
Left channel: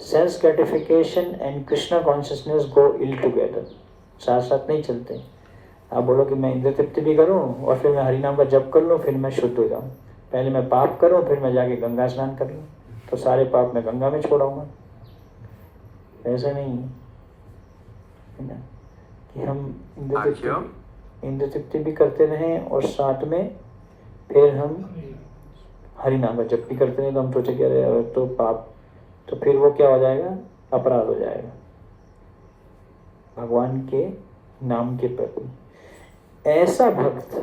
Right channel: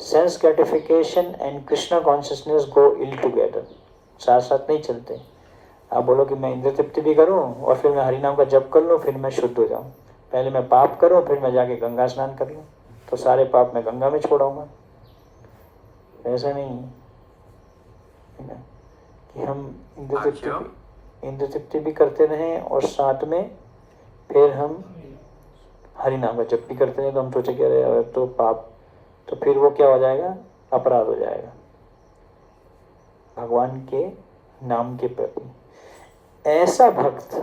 sense gratification and Krishna consciousness go ill together, साथ साथ नहीं चलते। आप बोलो कि मैं इंद्रिय तृप्ति भी करूं और फिर मैं हरिनाम का जप कर लूं, फिर मैं शुद्ध हो जाऊं, पहले मैं पाप करूं फिर मैं जाके गंगा स्नान कर लूं, तो सारे पाप मैं गंगा में छोड़ाऊंगा। ऐसा नहीं है ना कि हम इंद्र तृप्ति भी करते रहें और साथ में फिर हम हरि नाम का जप भी करते हैं। तो हम सोचे कि तो पाप, तो फिर वो क्या हो जाएगा, अपराध हो जाएगा भगवान के नाम के प्रति। ऐसा भक्त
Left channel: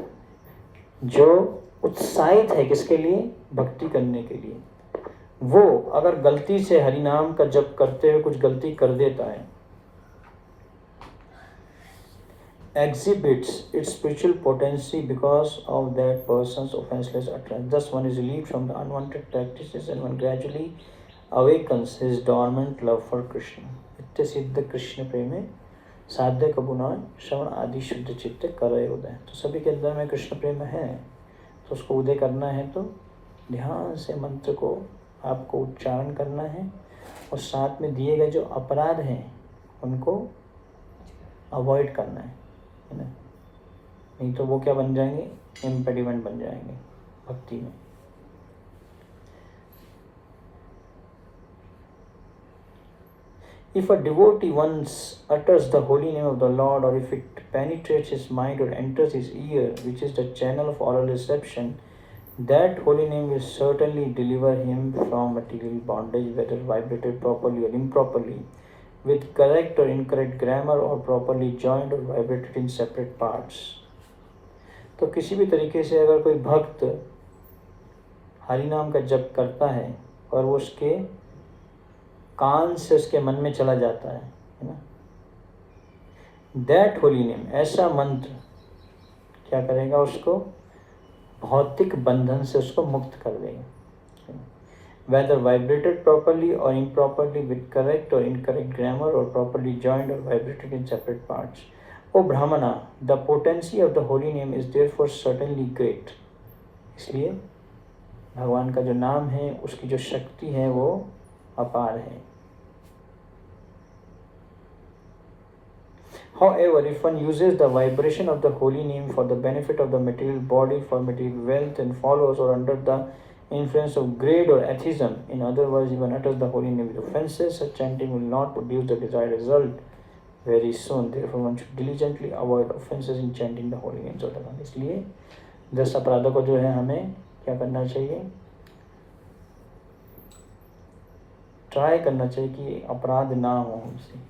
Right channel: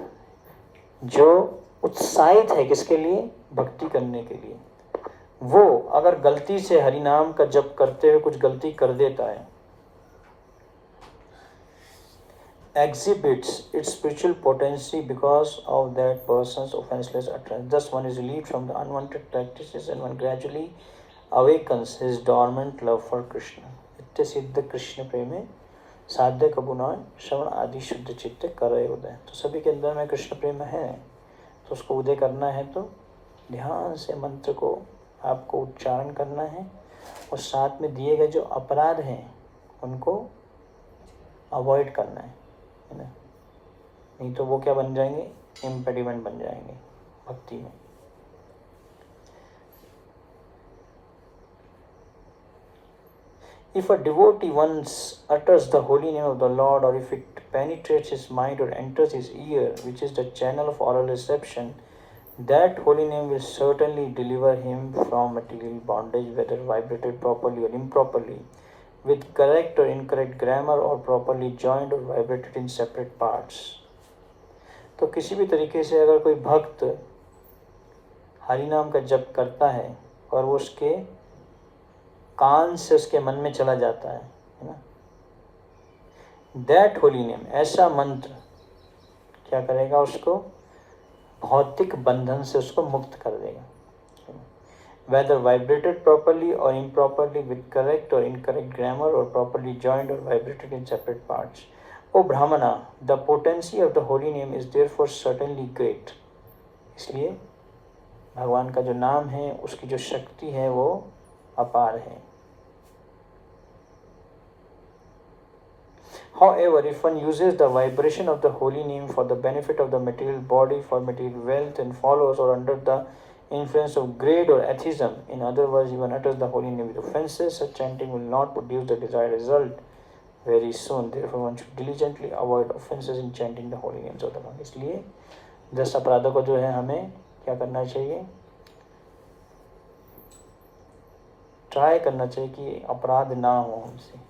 जो उत्साहित है किसके लिए, भक्ति करने के लिए, वो अगर गलती से हरि नाम का जप करते हुए कुछ गलती कर देता है, exhibits its spiritual potency because of that person's offenseless utterance. Thus one is relieved from the unwanted practices and one gradually awakens his dormant love for Krishna. नित्य सिद्ध कृष्ण प्रेम साध्य कबुना श्रवण आदि शुद्ध चित्त करे उदय। तो सभी के अंदर में कृष्ण प्रेम है, तो उसको उदय करना है तो ध्यान से मंत्र को आपको उच्चारण करना है और साथ में दिए गए जो अपराध हैं उनको अवॉइड करना है ना, नहीं तो वो क्या बन जाएंगे, इम्पेडिमेंट बन जाएंगे भक्ति में। If a devotee once utters the holy name of the Lord, or if it penetrates his mind or enters his ear, which is the channel of oral reception, that holy name will certainly deliver him from material bondage, whether vibrated properly or improperly, with correct or incorrect grammar, or properly joined or vibrated in separate parts. तो किसी भी तरीके से अगर कोई भक्त हरि नाम का जप करता है और वो उसके कान से उसके मन में चला जाता है ना, दैट होली नेम, ऐसा मंत्र क्या करेगा, उसको भौतिक बंधन से उसको मुक्त कर देगा। Whether vibrated properly or improperly, with correct or incorrect grammar, or properly joined or vibrated in separate parts. O Brahmana, the potency of the holy name is therefore certainly great. इसलिए भगवान का जो नाम है उसकी जो शक्ति है वो अपार है। However, if one uses the vibration of the holy name for the benefit of the material body, for material wealth, and follows, or under the influence of grade or atheism, in other words, even utters the holy name with offenses, such chanting will not produce the desired result very soon. Therefore, one should diligently avoid offenses in chanting the holy names of the Lord. इसलिए 10 अपराधों को जो है हमें क्या करना चाहिए, try करना चाहिए कि अपराध ना हो हमसे।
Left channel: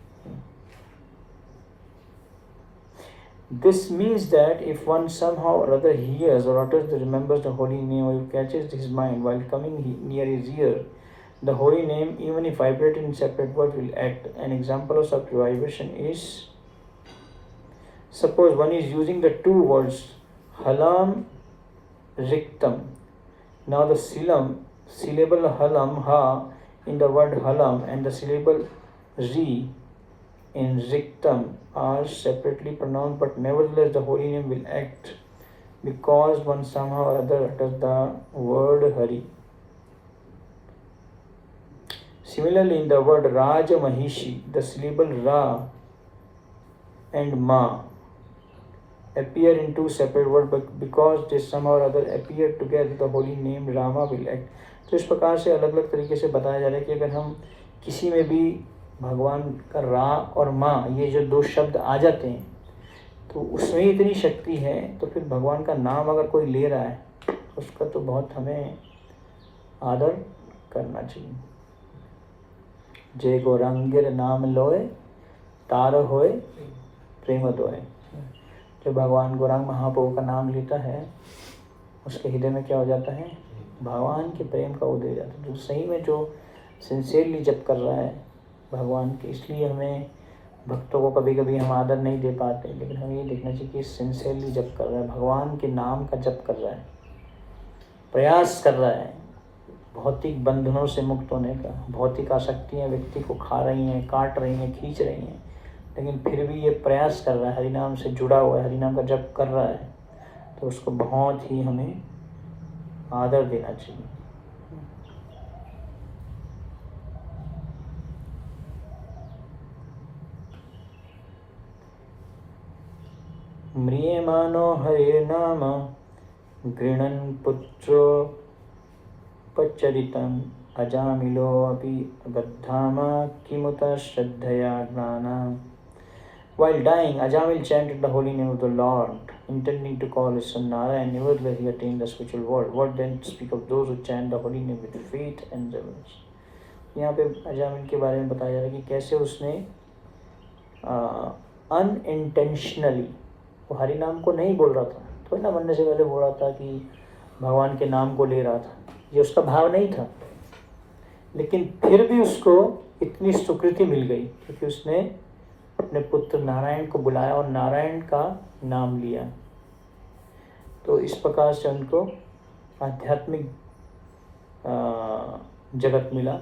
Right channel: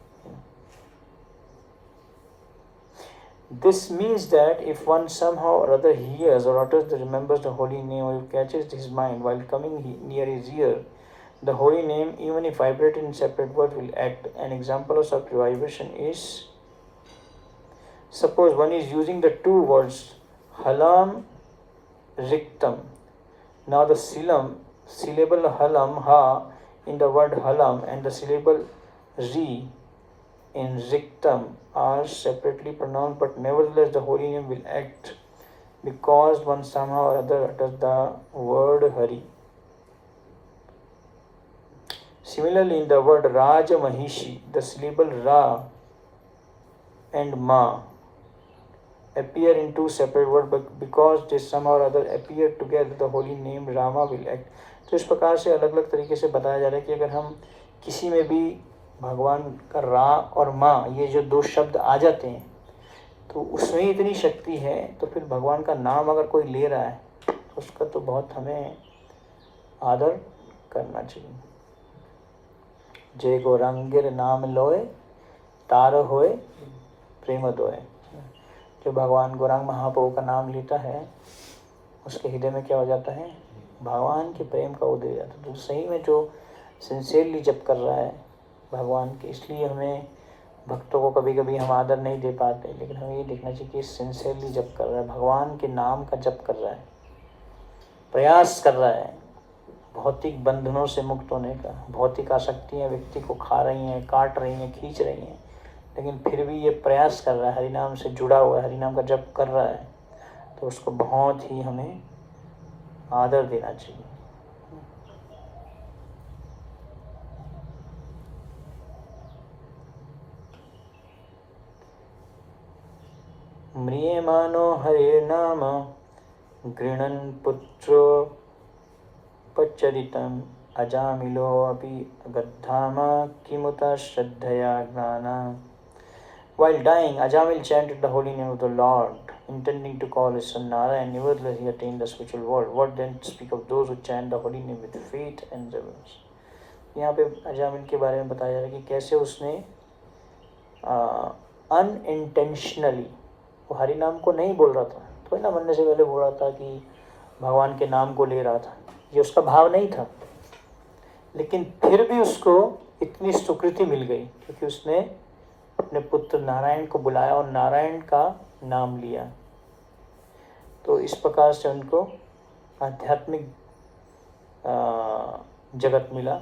This means that if one somehow or other hears or utters or remembers the holy name, or catches his mind while coming near his ear, the holy name, even if vibrating in separate words, will act. An example of such vibration is, suppose one is using the two words halam, riktam. Now the syllable halam, ha, in the word halam, and the syllable ri in riktam are separately pronounced, but nevertheless the holy name will act because one somehow or other utters the word Hari. Similarly, in the word Raja Mahishi, the syllable Ra and Ma appear in two separate words, but because they somehow or other appear together, the holy name Rama will act. तो इस प्रकार से अलग अलग तरीके से बताया जा रहा है कि अगर हम किसी में भी भगवान का रा और माँ ये जो दो शब्द आ जाते हैं तो उसमें इतनी शक्ति है, तो फिर भगवान का नाम अगर कोई ले रहा है तो उसका तो बहुत हमें आदर करना चाहिए। जय गौरांगिर नाम लोए तार होए प्रेम दोए। जो भगवान गौरांग महाप्रभु का नाम लेता है उसके हृदय में क्या हो जाता है, भगवान के प्रेम का उदय हो जाता है। तो सही में जो सिंसियरली जप कर रहा है भगवान के, इसलिए हमें भक्तों को कभी कभी हम आदर नहीं दे पाते, लेकिन हमें ये देखना चाहिए कि सिंसियरली जप कर रहा है, भगवान के नाम का जप कर रहा है, प्रयास कर रहा है भौतिक बंधनों से मुक्त होने का। भौतिक आसक्तियाँ व्यक्ति को खा रही हैं, काट रही हैं, खींच रही हैं, लेकिन फिर भी ये प्रयास कर रहा है, हरिनाम से जुड़ा हुआ है, हरिनाम का जप कर रहा है, तो उसको बहुत ही हमें आदर देना चाहिए। म्रियमाणो हरे नाम गृणन् पुत्रो पच्चरितम् अजामिलोऽपि अगद्धामा किमुता श्रद्धया ज्ञाना. While dying, Ajamil chanted the holy name of the Lord, intending to call his son Narayan. Nevertheless, he attained the spiritual world. What then speak of those who chant the holy name with faith and reverence? यहाँ पे अजामिल के बारे में बताया जा रहा है कि कैसे उसने अनइंटेंशनली, वो हरि नाम को नहीं बोल रहा था, तो ना बनने से पहले बोल रहा था कि भगवान के नाम को ले रहा था, ये उसका भाव नहीं था, लेकिन फिर भी उसको इतनी स्वीकृति मिल गई क्योंकि उसने अपने पुत्र नारायण को बुलाया और नारायण का नाम लिया. तो इस प्रकार से उनको आध्यात्मिक जगत मिला.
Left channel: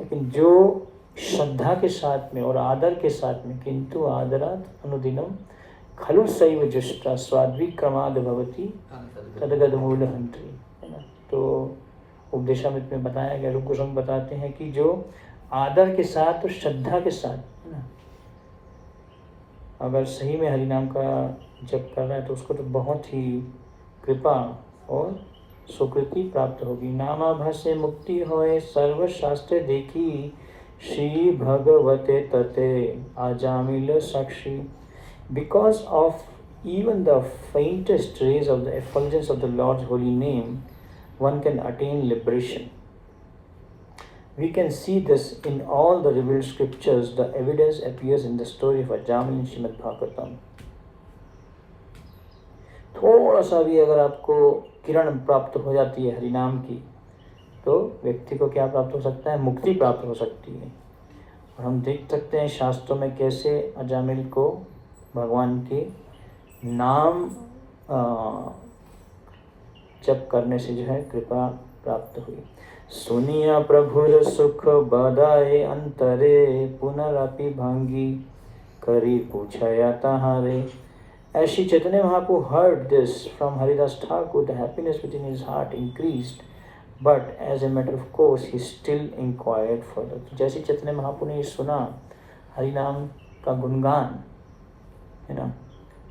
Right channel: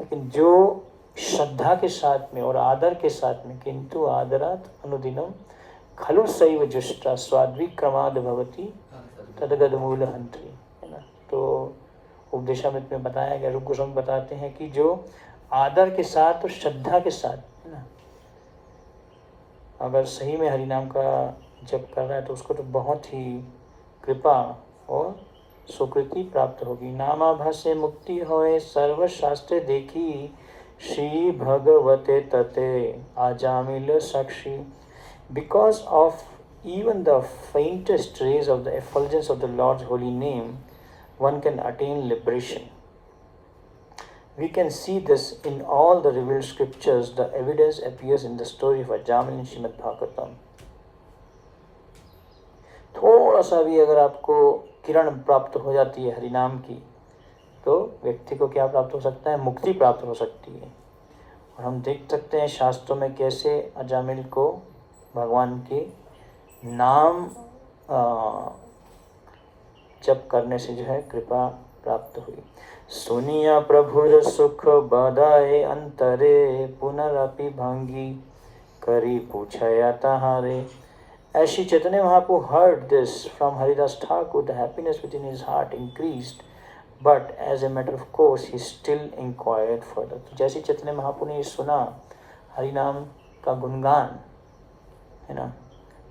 लेकिन जो श्रद्धा के साथ में और आदर के साथ में, किंतु आदरात अनुदिनम खलु सैव जुष्टा स्वाद्विक्रमाद भवति तदगद मूल हंत्री, है ना. तो उपदेशामृत में बताया गया, रूप गोस्वामी बताते हैं कि जो आदर के साथ और श्रद्धा के साथ, है ना, अगर सही में हरिनाम का जप कर रहा है तो उसको तो बहुत ही कृपा और सुकृति प्राप्त होगी. नामाभासे मुक्ति होए सर्वशास्त्र देखी श्री भगवते तते आजामिल साक्षी. Because of even the faintest rays of the effulgence of the Lord's holy name, one can attain liberation. We can see this in all the revealed scriptures. The evidence appears in the story of Ajamil in Srimad Bhagavatam. थोड़ा सा भी अगर आपको किरण प्राप्त हो जाती है हरिनाम की, तो व्यक्ति को क्या प्राप्त हो सकता है? मुक्ति प्राप्त हो सकती है. और हम देख सकते हैं शास्त्रों में कैसे अजामिल को भगवान के नाम जप करने से जो है कृपा प्राप्त हुई. सुनिया प्रभुर सुख बदाए अंतरे पुनरपि भंगी करी पूछया तहारे. As Shri Chaitanya Mahaprabhu heard this from Haridas Thakur, the happiness within his heart increased, but as a matter of course he still inquired further. जैसे चैतन्य महाप्रभु ने सुना हरिनाम का गुणगान, है ना,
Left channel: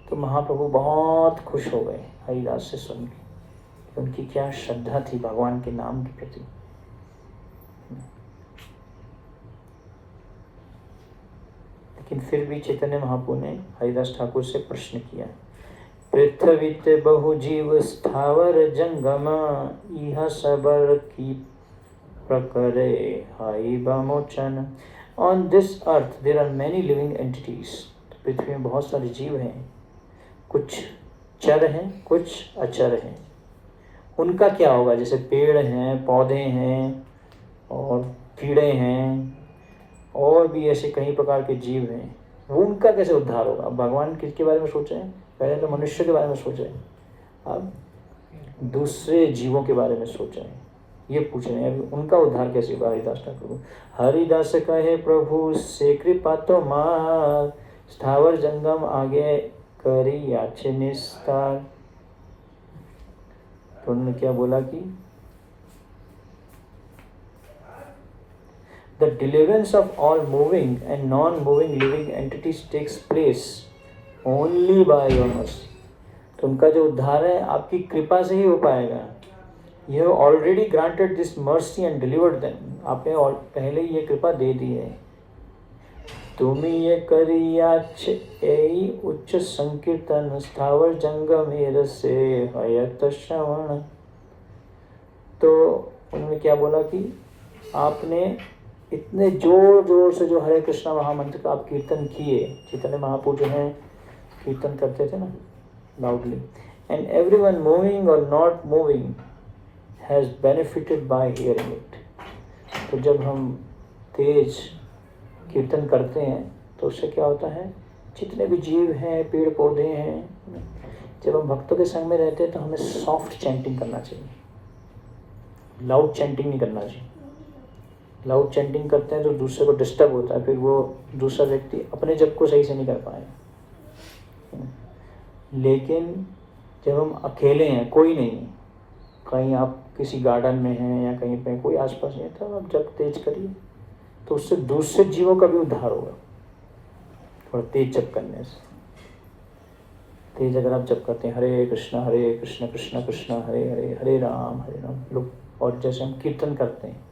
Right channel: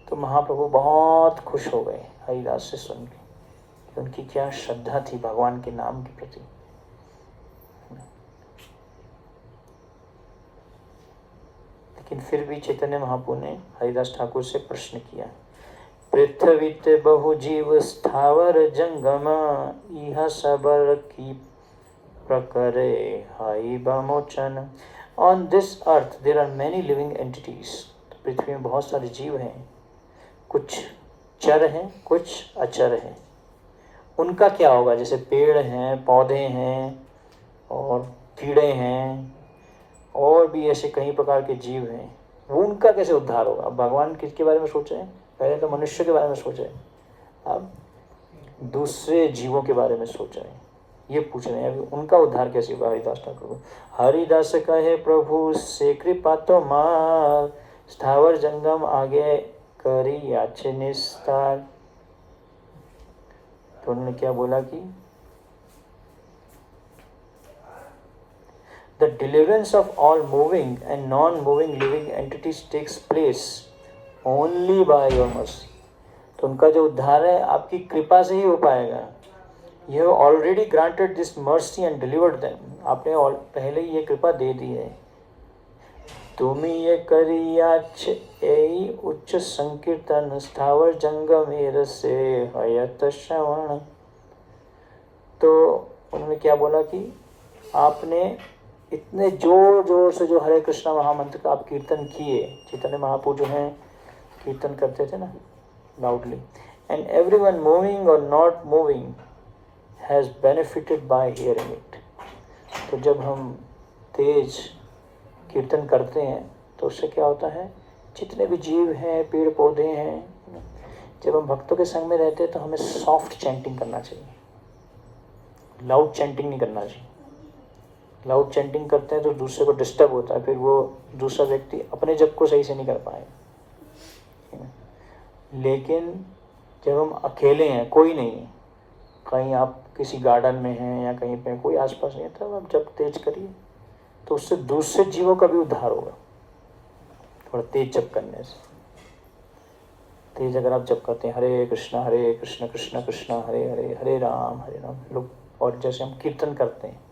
तो महाप्रभु बहुत खुश हो गए हरिदास से सुन के. उनकी क्या श्रद्धा थी भगवान के नाम के प्रति. लेकिन फिर भी चैतन्य महाप्रभु ने हरिदास ठाकुर से प्रश्न किया. पृथ्वीते बहु जीव स्थावर जंगम इह सबर की प्रकरे हाई बमोचन. On this earth there are many living entities. पृथ्वी में बहुत सारे जीव हैं, कुछ चर हैं, कुछ अचर हैं. उनका क्या होगा? जैसे पेड़ हैं, पौधे हैं और कीड़े हैं और भी ऐसे कई प्रकार के जीव हैं, वो उनका कैसे उद्धार होगा? भगवान किसके बारे में सोचे हैं? पहले तो मनुष्य के बारे में सोचे, अब दूसरे जीवों के बारे में सोचा है. ये पूछ रहे हैं उनका उद्धार कैसे होगा. हरिदास ठाकुर. हरिदास कहे प्रभु से कृपा तो मार स्थावर जंगम आगे करी याचे निस्तार. तो उन्होंने क्या बोला कि the deliverance of all moving and non-moving living entities takes place only by your mercy. तो उनका जो उद्धार है आपकी कृपा से ही हो पाएगा. You have already granted this mercy and delivered them. आपने और पहले ये कृपा दे दी है. तुम ये करियाच एई उच्च संकीर्तन स्थावर जंगम से हयत श्रवण. तो उन्होंने क्या बोला कि आपने इतने जोर जोर से जो हरे कृष्णा महामंत्र का आप कीर्तन किए. चैतन्य महाप्रभु जो हैं कीर्तन करते थे ना लाउडली, एंड एवरीवन मूविंग और not moving has benefited bye hearing it. तो जब हम तेज कीर्तन करते हैं तो उससे क्या होता है, जितने भी जीव हैं, पेड़ पौधे हैं, जब हम भक्तों के संग में रहते हैं तो हमें सॉफ्ट चैंटिंग करना चाहिए, लाउड चैंटिंग नहीं करना चाहिए. लाउड चैंटिंग करते हैं तो दूसरे को डिस्टर्ब होता है, फिर वो दूसरा व्यक्ति अपने जप को सही से नहीं कर पाए. लेकिन जब हम अकेले हैं, कोई नहीं, कहीं आप किसी गार्डन में हैं या कहीं पे कोई आसपास नहीं है, तो आप जप तेज करिए तो उससे दूसरे जीवों का भी उद्धार होगा. थोड़ा तेज जप करने से. तेज अगर आप जप करते हैं हरे कृष्णा कृष्ण कृष्ण हरे हरे हरे राम लोग और जैसे हम कीर्तन करते हैं,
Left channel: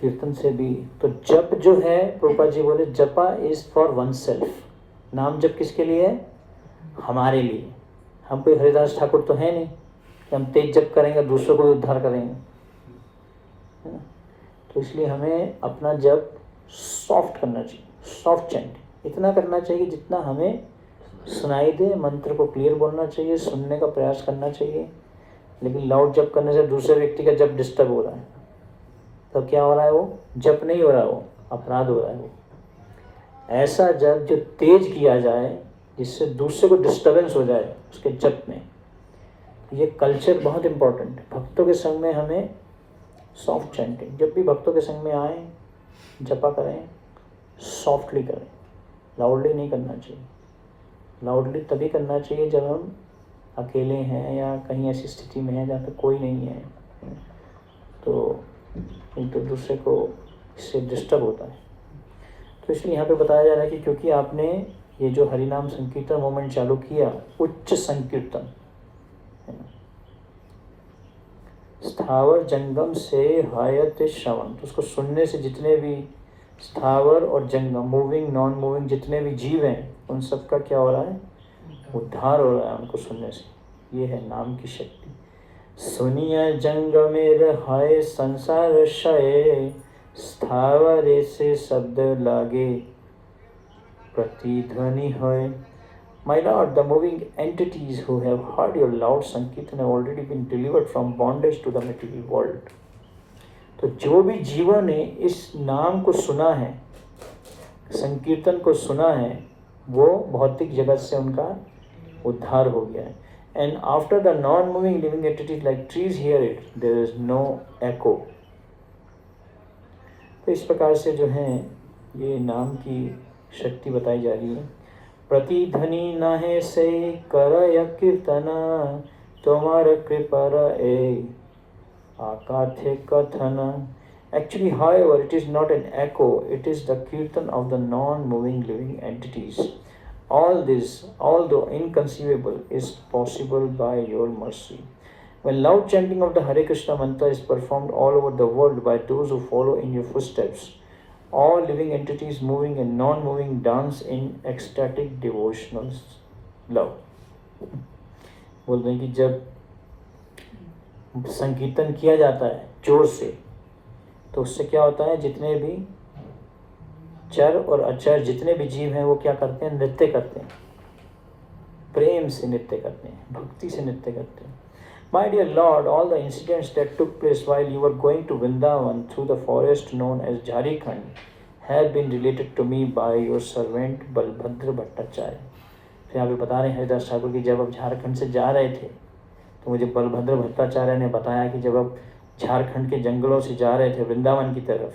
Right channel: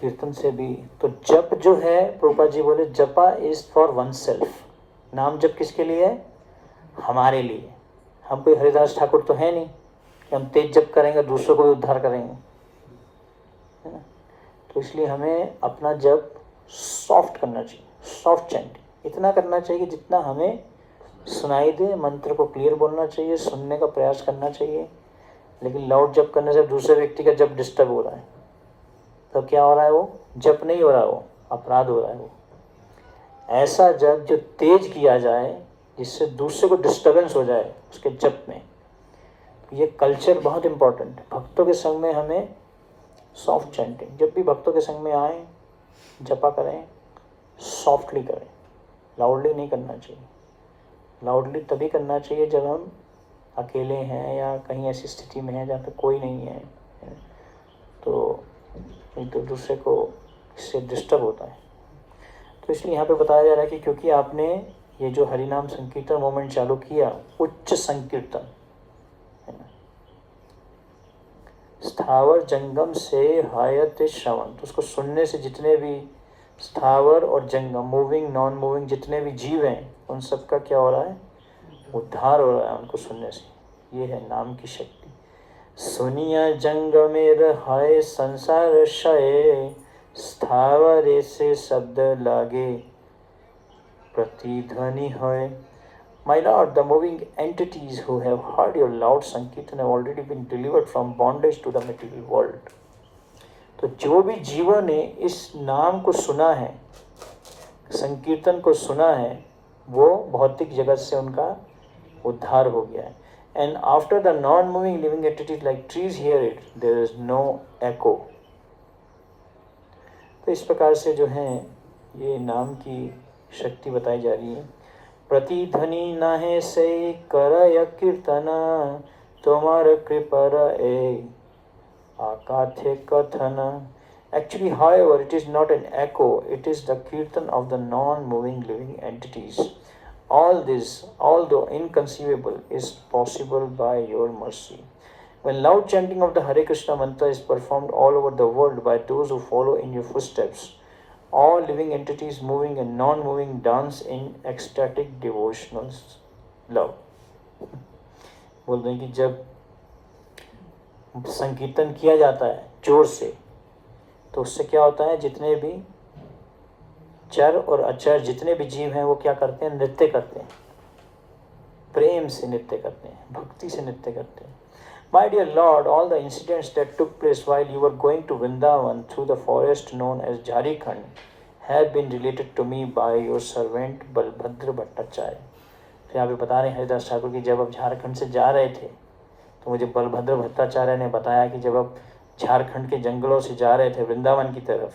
कीर्तन से भी तो जप जो है, प्रभुपाद जी बोले जपा इज फॉर वन सेल्फ। नाम जप किसके लिए है? हमारे लिए। हम कोई हरिदास ठाकुर तो है नहीं कि हम तेज जप करेंगे दूसरों को उद्धार करेंगे, है ना। तो इसलिए हमें अपना जप सॉफ्ट करना चाहिए, सॉफ्ट चैंटिंग इतना करना चाहिए जितना हमें सुनाई दे। मंत्र को क्लियर बोलना चाहिए, सुनने का प्रयास करना चाहिए। लेकिन लाउड जप करने से दूसरे व्यक्ति का जप डिस्टर्ब हो रहा है, तो क्या हो रहा है? वो जप नहीं हो रहा, वो अपराध हो रहा है। वो ऐसा जप जो तेज किया जाए जिससे दूसरे को डिस्टर्बेंस हो जाए उसके जप में। ये कल्चर बहुत इम्पोर्टेंट है। भक्तों के संग में हमें सॉफ्ट चैंटिंग, जब भी भक्तों के संग में आए जपा करें, सॉफ्टली करें, लाउडली नहीं करना चाहिए। लाउडली तभी करना चाहिए जब हम अकेले हैं या कहीं ऐसी स्थिति में हैं जहाँ पे कोई नहीं है, तो एक दूसरे को इससे डिस्टर्ब होता है। तो इसलिए यहाँ पे बताया जा रहा है कि क्योंकि आपने ये जो हरिनाम संकीर्तन मूवमेंट चालू किया, उच्च संकीर्तन, स्थावर जंगम से हायत श्रवण, तो उसको सुनने से जितने भी स्थावर और जंगम, मूविंग नॉन मूविंग जितने भी जीव हैं, उन सब का क्या हो रहा है? उद्धार हो रहा है उनको सुनने से। ये है नाम की शक्ति। सुनिया जंगमेर हाय संसार क्षय, स्थावर से शब्द लागे प्रतिध्वनि है। My Lord, the moving entities who have heard your loud Sankirtan have already been delivered from bondage to the material world. तो जो भी जीवों ने इस नाम को सुना है, संकीर्तन को सुना है, वो भौतिक जगत से उनका उद्धार हो गया है। And after the non-moving living entities like trees hear it, there is no echo. तो इस प्रकार से जो है ये नाम की शक्ति बताई जा रही है। प्रतिध्वनि नाहे से करय कीर्तन, तोमर कृपर ए आकाथे कथन। Actually, however, it is not an echo, it is the kirtan of the non-moving living entities. All this, although inconceivable, is possible by your mercy. When loud chanting of the Hare Krishna mantra is performed all over the world by those who follow in your footsteps, all living entities moving and non-moving dance in ecstatic devotional love. बोल रहे हैं कि जब संकीर्तन किया जाता है जोर से, तो उससे क्या होता है? जितने भी चर और अचर जितने भी जीव हैं वो क्या करते हैं? नृत्य करते हैं, प्रेम से नृत्य करते हैं, भक्ति से नृत्य करते हैं। My dear Lord, all the incidents that took place while you were going to Vrindavan through the forest known as Jharkhand have been related to me by your servant Balbhadra Bhattacharya. तो यहाँ पे बता रहे हैं हरिदास ठाकुर की जब आप झारखंड से जा रहे थे तो मुझे बलभद्र भट्टाचार्य ने बताया कि जब आप झारखंड के जंगलों से जा रहे थे वृंदावन की तरफ,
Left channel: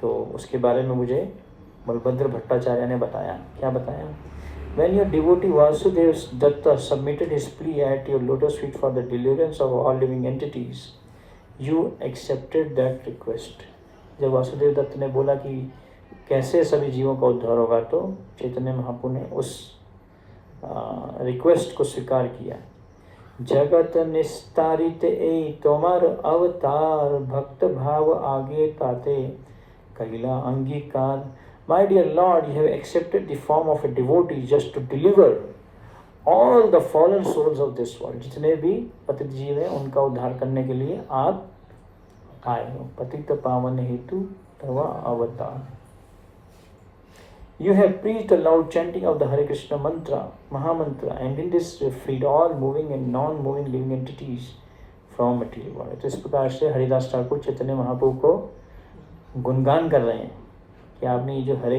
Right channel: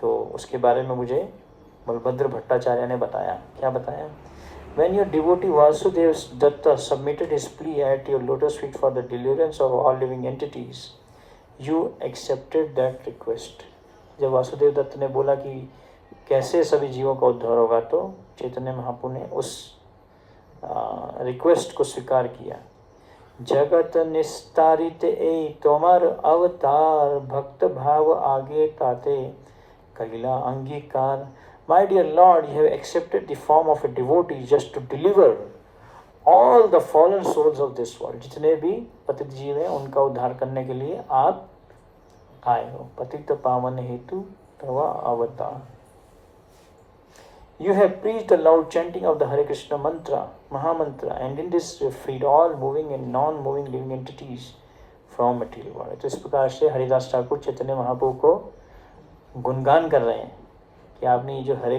तो उसके बारे में मुझे बलभद्र भट्टाचार्य ने बताया। क्या बताया? When your devotee Vasudev Datta submitted his plea at your lotus feet for the deliverance of all living entities, you accepted that request. जब वासुदेव दत्त ने बोला कि कैसे सभी जीवों का उद्धार होगा, तो चैतन्य महाप्रभु ने उस रिक्वेस्ट को स्वीकार किया। जगत निस्तारित ए तोमर अवतार, भक्त भाव आगे ताते कलिला अंगीकार। My dear Lord, you have accepted the form of a devotee just to deliver all the fallen souls of this world. जितने भी पतित जीव हैं उनका उद्धार करने के लिए आप आए हो। पतित पावन हेतु तवा अवतार। You have preached the loud chanting of the Hare Krishna mantra, Mahamantra, and in this you freed all moving and non-moving living entities from material world. तो इस प्रकार से हरिदास ठाकुर चैतन्य महाप्रभु को गुणगान कर रहे हैं कि आपने ये जो हरे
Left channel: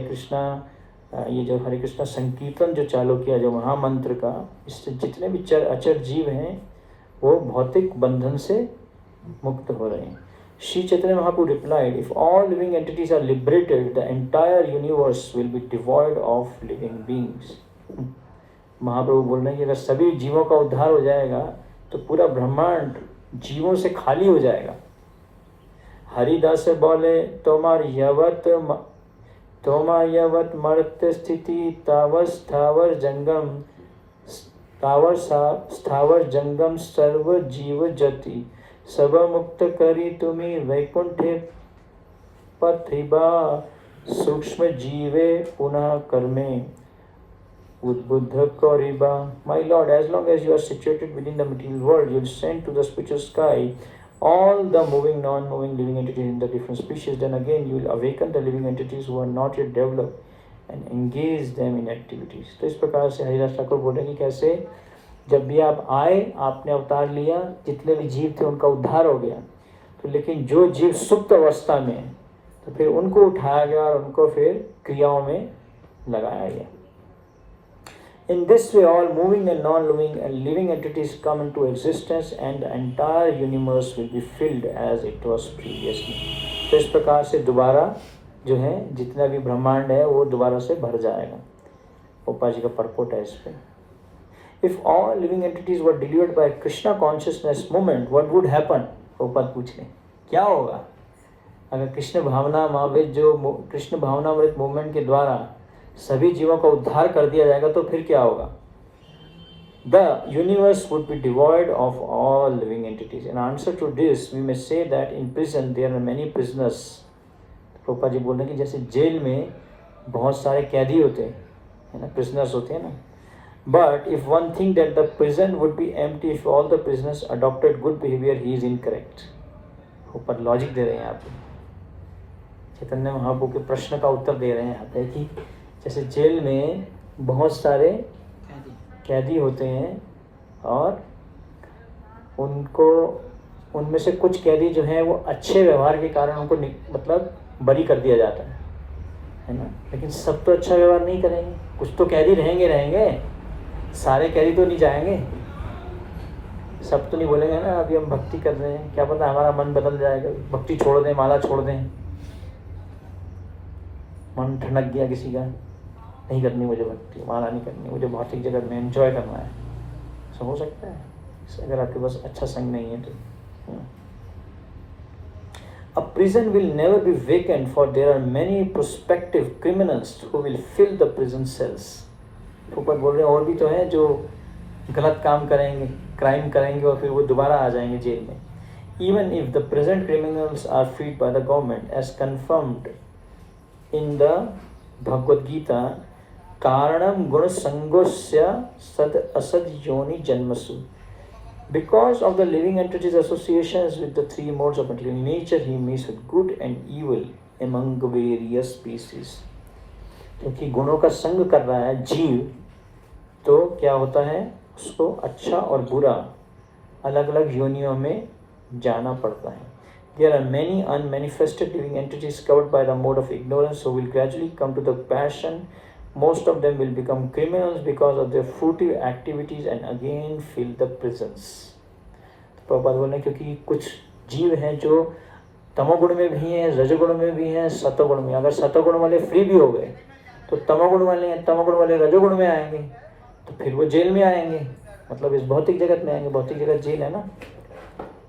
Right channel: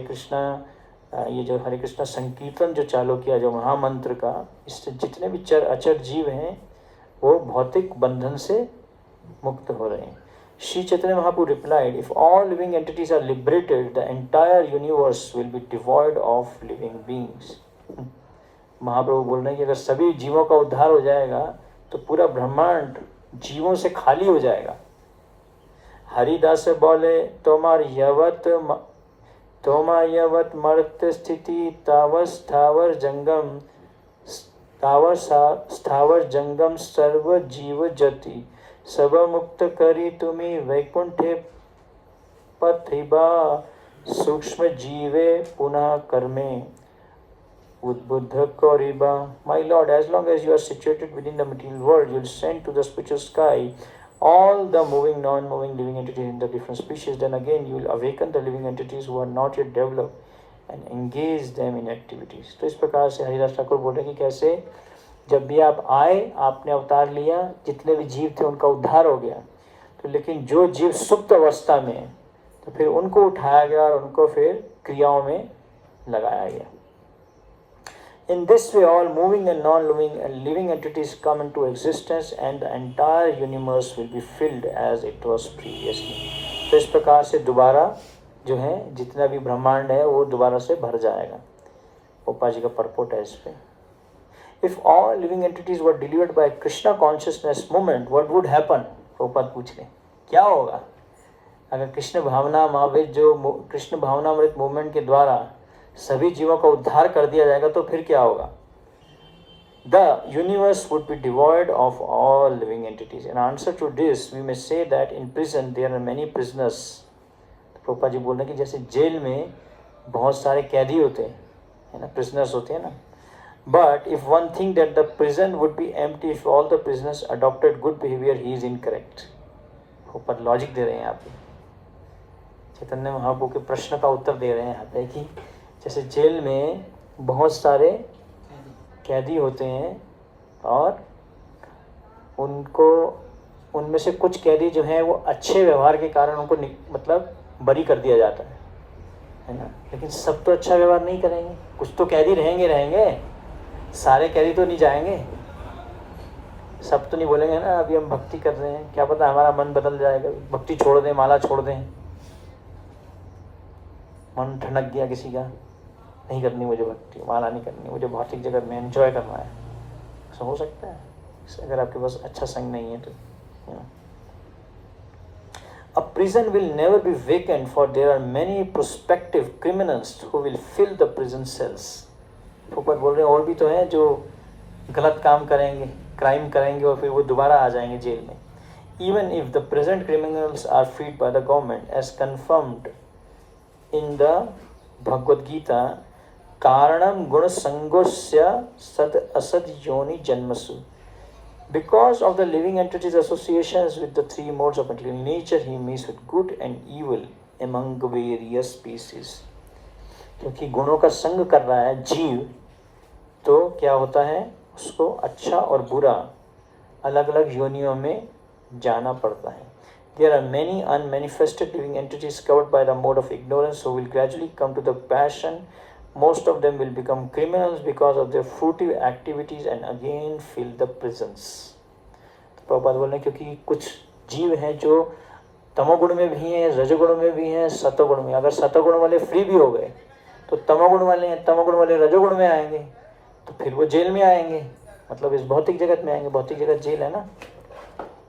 कृष्णा संकीर्तन जो चालू किया, जो महामंत्र का, इससे जितने भी चर अचर जीव हैं वो भौतिक बंधन से मुक्त हो रहे हैं। श्री चैतन्य महाप्रभु replied, if all living entities are liberated, the entire universe will be devoid of living beings. महाप्रभु बोल रहे हैं कि अगर सभी जीवों का उद्धार हो जाएगा तो पूरा ब्रह्मांड जीवों से खाली हो जाएगा। हरिदास बोले, तोमार यवत मर्त स्थिति तावर स्थावर जंगम सर्व जीव जति सब मुक्त करी तुम्ही वैकुंठे पथिबा सूक्ष्म जीवे पुनः कर्मे Udbuddha Koriba. My Lord, as long as you are situated within the material world, you will send to the spiritual sky all the moving, non-moving living entities in the different species. Then again, you will awaken the living entities who are not yet developed and engage them in activities. तो इस प्रकार से हरिदास ठाकुर बोले कि कैसे जब भी आप आए, आपने अवतार लिया, जितने भी जीव थे उनका उद्धार हो गया, तो लेकिन जो जीव सुप्त अवस्था में, तो फिर उनको उठाया गया और उनको फिर क्रियाओं में लगाया गया. In this way, all moving and non-moving and living entities come into existence and the entire universe will be filled as it was previously. तो इस प्रकार से दोबारा जो है जितना भी ब्रह्मांड है वो दोबारा से भर जाएगा. पोपा जी का परपोट है इस पे. If all living entities were delivered by Krishna consciousness movement, what would happen? पोपा पूछ रहे क्या होगा अगर कृष्ण भावनामृत जो कृष्ण भावनामृत मूवमेंट के द्वारा सभी जीवों का उद्धार कर दिया जाएगा तो फिर क्या होगा? The universe would be devoid of all living entities. In answer to this, we may say that in prison there are many prisoners. प्रोपा जी बोल रहे हैं कि जैसे जेल में बहुत सारे कैदी होते हैं, है ना, prisoners होते हैं ना. But if one think that the prison would be empty if all the prisoners adopted good behavior, he is incorrect. ऊपर लॉजिक दे रहे हैं आप. चैतन्य महाप्रभु के प्रश्न का उत्तर दे रहे हैं यहाँ पे कि जैसे जेल में बहुत सारे कैदी होते हैं और उनको उनमें से कुछ कैदी जो हैं वो अच्छे व्यवहार के कारण उनको मतलब बरी कर दिया जाता है ना. लेकिन सब तो अच्छा व्यवहार नहीं करेंगे, कुछ तो कैदी रहेंगे, सारे कैदी तो नहीं जाएंगे, सब तो नहीं बोलेंगे ना अभी हम भक्ति कर रहे हैं, क्या पता हमारा मन बदल जाएगा, भक्ति छोड़ दें, माला छोड़ दें, मन ठनक गया किसी का, नहीं करनी मुझे भक्ति, माला नहीं करनी, मुझे भौतिक जगत में एंजॉय करना है. ऐसा हो सकता है अगर आपके पास अच्छा संग नहीं है तो. A prison will never be vacant, for there are many prospective criminals who will fill the prison cells. ऊपर बोल रहे हैं और भी तो हैं जो गलत काम करेंगे, क्राइम करेंगे और फिर वो दोबारा आ जाएंगे जेल में. Even if the present criminals are freed by the government, as confirmed in the Bhagavad Gita, कारणम गुण संगोस्य सद असद योनि जन्मसु. Because of the living entities' associations with the three modes of material nature, he meets with good and evil among various species. क्योंकि गुणों का संग कर रहा है जीव, तो क्या होता है, उसको अच्छा और बुरा अलग अलग योनियों में जाना पड़ता है. There are many unmanifested living entities covered by the mode of ignorance who will gradually come to the passion. Most of them will become criminals because of their fruitive activities and again fill the prisons. Prabhupada बोल रहे हैं क्योंकि कुछ जीव हैं जो तमोगुण में भी हैं, रजोगुण में भी हैं, सतोगुण में. अगर सतोगुण वाले फ्री भी हो गए तो तमोगुण वाले रजोगुण में आएंगे, तो फिर वो जेल में आएंगे, मतलब इस भौतिक जगत में आएंगे. भौतिक जगत जेल है ना,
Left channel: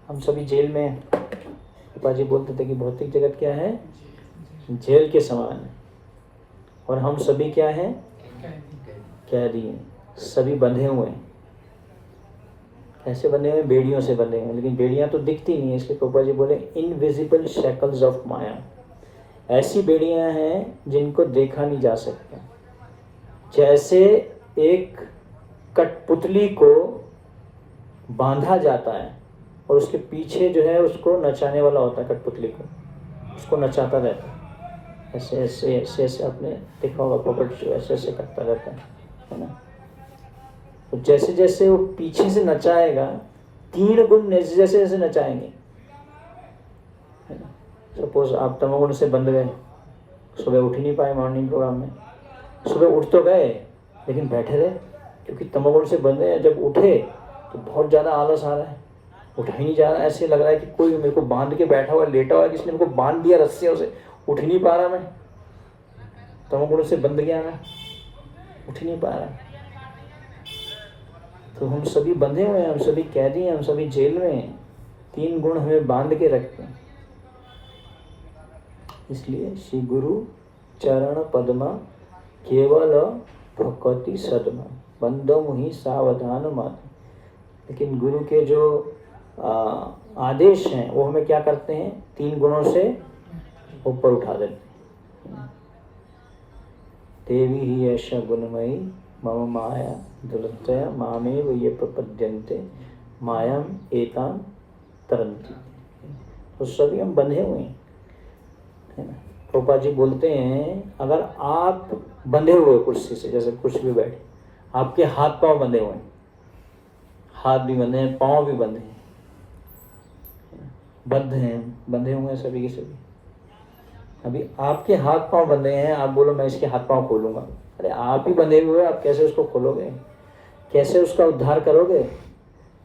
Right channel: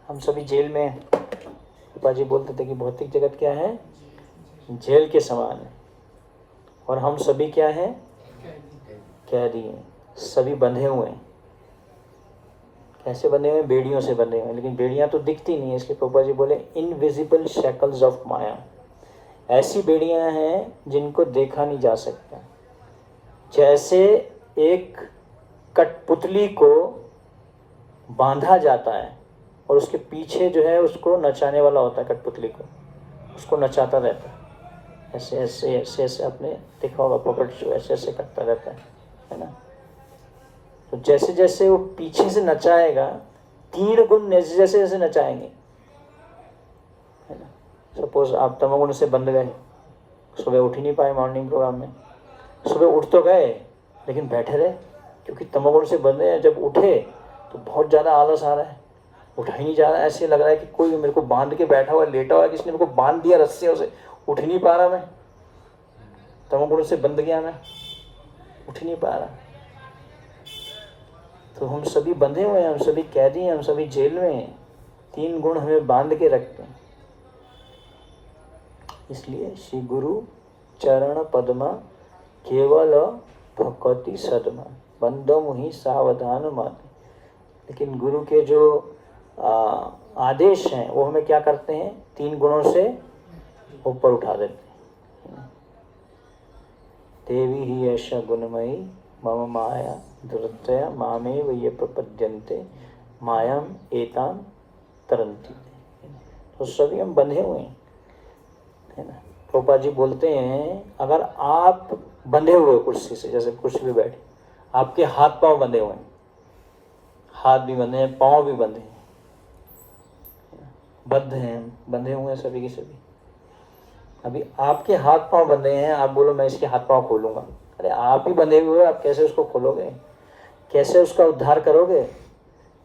हम सभी जेल में. प्रभुपाद जी बोलते थे कि भौतिक जगत क्या है, जेल के समान है, और हम सभी क्या हैं, कैदी हैं, सभी बंधे हुए हैं. कैसे बंधे हुए, बेड़ियों से बंधे हुए, लेकिन बेड़ियां तो दिखती नहीं है, इसलिए प्रभुपाद जी बोले इनविजिबल शैकल्स ऑफ माया. ऐसी बेड़ियां हैं जिनको देखा नहीं जा सकता. जैसे एक कठपुतली को बांधा जाता है और उसके पीछे जो है उसको नचाने वाला होता है, कठपुतली को उसको नचाता रहता है, ऐसे ऐसे ऐसे ऐसे आपने देखा होगा, पॉकेट शो ऐसे ऐसे करता रहता है ना. तो जैसे जैसे वो पीछे से नचाएगा, 3 गुण जैसे जैसे नचाएंगे, है ना. सपोज आप तमोगुण से बंध गए, सुबह उठ ही नहीं पाए मॉर्निंग प्रोग्राम में, सुबह उठ तो गए लेकिन बैठे रहे, क्योंकि तमोगुण से बंधे हैं. जब उठे तो बहुत ज़्यादा आलस आ रहा है, उठा ही नहीं जा रहा है, ऐसे लग रहा है कि कोई मेरे को बांध के बैठा हुआ, लेटा हुआ, किसी ने मेरे को बांध दिया रस्सियों से, उठ ही नहीं पा रहा, मैं तमोगुण से बंध गया, मैं उठ ही नहीं पा रहा. तो हम सभी बंधे हुए हैं, हम सभी कैदी हैं, हम सभी जेल में हैं. 3 गुण हमें बांध के रखते हैं. इसलिए श्री गुरु चरण पद्मा केवल भक्ति सदमा बंदो मुहि सावधान मान. लेकिन गुरु के जो आदेश हैं वो हमें क्या करते हैं, 3 गुणों से ऊपर उठा देते हैं। देवी ही ऐसा गुणमयी मम माया दुरतया मामेव ये प्रपद्यन्ते मायाम एताम तरंती। तो सभी हम बंधे हुए हैं, है ना। प्रभुपाद जी बोलते हैं अगर आप बंधे हुए कुर्सी से, जैसे कुर्सी पे बैठे, आपके हाथ पांव बंधे हुए हैं, हाथ भी बंधे हैं, पांव भी बंधे हैं, बंधे हैं, बंधे हुए हैं सभी के सभी। अभी आपके हाथ पांव बंधे हैं, आप बोलो मैं इसके हाथ पांव खोलूंगा, अरे आप ही बंधे हुए, आप कैसे उसको खोलोगे, कैसे उसका उद्धार करोगे?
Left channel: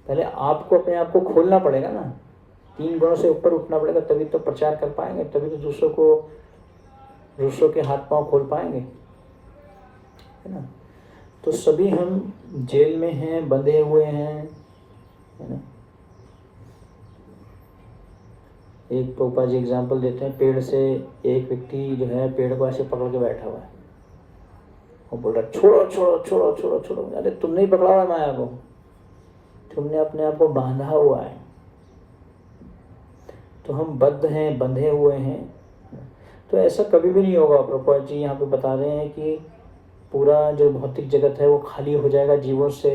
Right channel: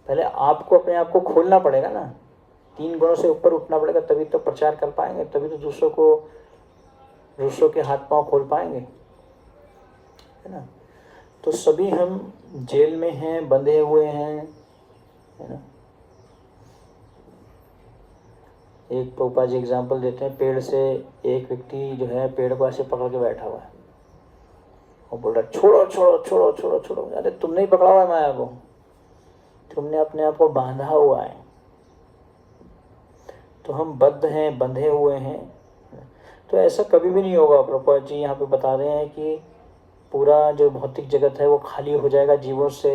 पहले आपको अपने आप को खोलना पड़ेगा ना, 3 गुणों से ऊपर उठना पड़ेगा, तभी तो प्रचार कर पाएंगे, तभी तो दूसरों के हाथ पांव खोल पाएंगे, है ना। तो सभी हम जेल में हैं, बंधे हुए हैं, है ना। एक पोपा जी एग्जाम्पल देते हैं, पेड़ से एक व्यक्ति जो है पेड़ को ऐसे पकड़ के बैठा हुआ है, वो बोल रहा है छोड़ो छोड़ो छोड़ो छोड़ो छोड़ो। अरे तुमने ही पकड़ा हुआ है माया को, तुमने अपने आप को बांधा हुआ है। तो हम बद्ध हैं, बंधे हुए हैं। तो ऐसा कभी भी नहीं होगा। प्रभुपाद जी यहाँ पे बता रहे हैं कि पूरा जो भौतिक जगत है वो खाली हो जाएगा जीवों से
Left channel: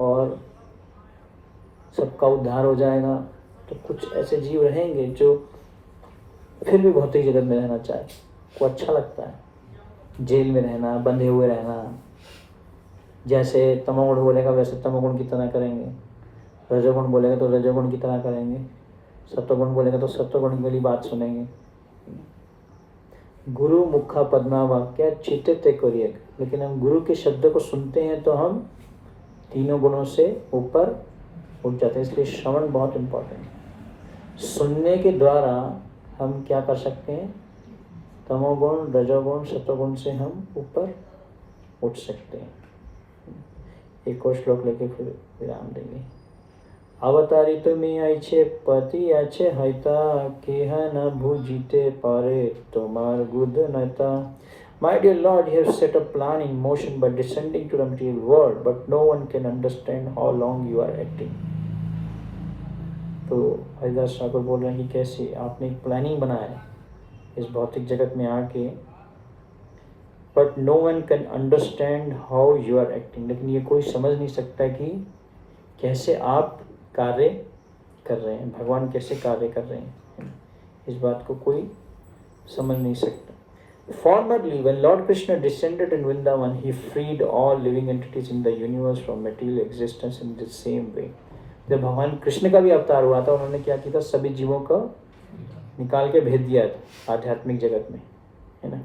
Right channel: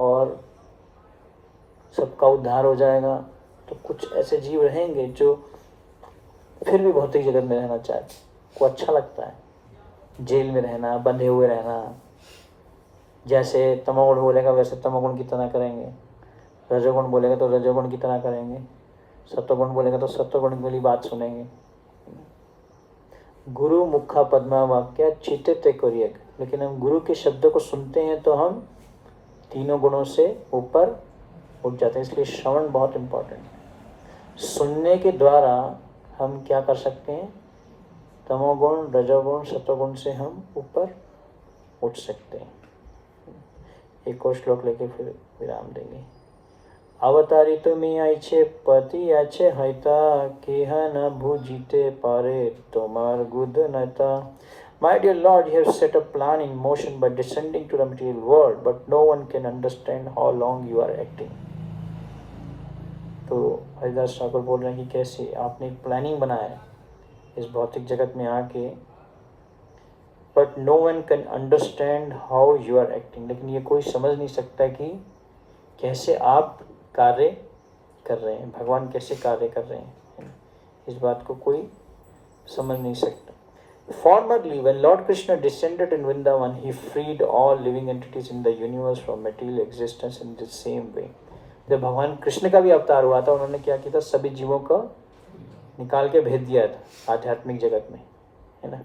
और सबका उद्धार हो जाएगा। तो कुछ ऐसे जीव रहेंगे जो फिर भी भौतिक जगत में रहना चाहे, को अच्छा लगता है जेल में रहना, बंधे हुए रहना। जैसे तमोगुण बोलेगा वैसे तमोगुण की तरह करेंगे, रजोगुण बोलेगा तो रजोगुण की तरह करेंगे, सत्वगुण बोलेगा तो सत्वगुण की वाली बात सुनेंगे। गुरु मुखा पद्मा वाक्य चित्ते ते करिए, लेकिन हम गुरु के शब्दों को सुनते हैं तो हम 3 गुणों से ऊपर उठ जाते हैं। इसलिए श्रवण बहुत इम्पोर्टेंट है। सुनने के द्वारा हम क्या कर सकते हैं, तमोगुण, रजोगुण, सत्वगुण से हम ऊपर उठ सकते हैं। एक और श्लोक लेके फिर विराम देंगे। अवतारी तुम्हें आइछे पति आछे हईता केह न भूजिते पारे तुम्हार गुद नता। My dear Lord, you have set a plan in motion by descending to the material world, but no one can understand how long you are acting. तो हरिदास ठाकुर बोल रहे हैं कि कैसे आपने एक प्लानिंग बनाया है इस भौतिक जगत में आके, but no one can understand how you are acting. लेकिन ये कोई समझ नहीं सकता कि कैसे आप कार्य कर रहे हैं, भगवान कैसे कार्य कर रहे हैं, इस बात को कोई समझ नहीं सकता। Formerly, when Lord Krishna descended in Vrindavan, he freed all living entities in the universe from material existence in the same way. जब भगवान कृष्ण का भी अवतार हुआ था, उन्होंने क्या किया था, सभी जीवों को निकाल के भेज दिया था आध्यात्मिक जगत में, है ना।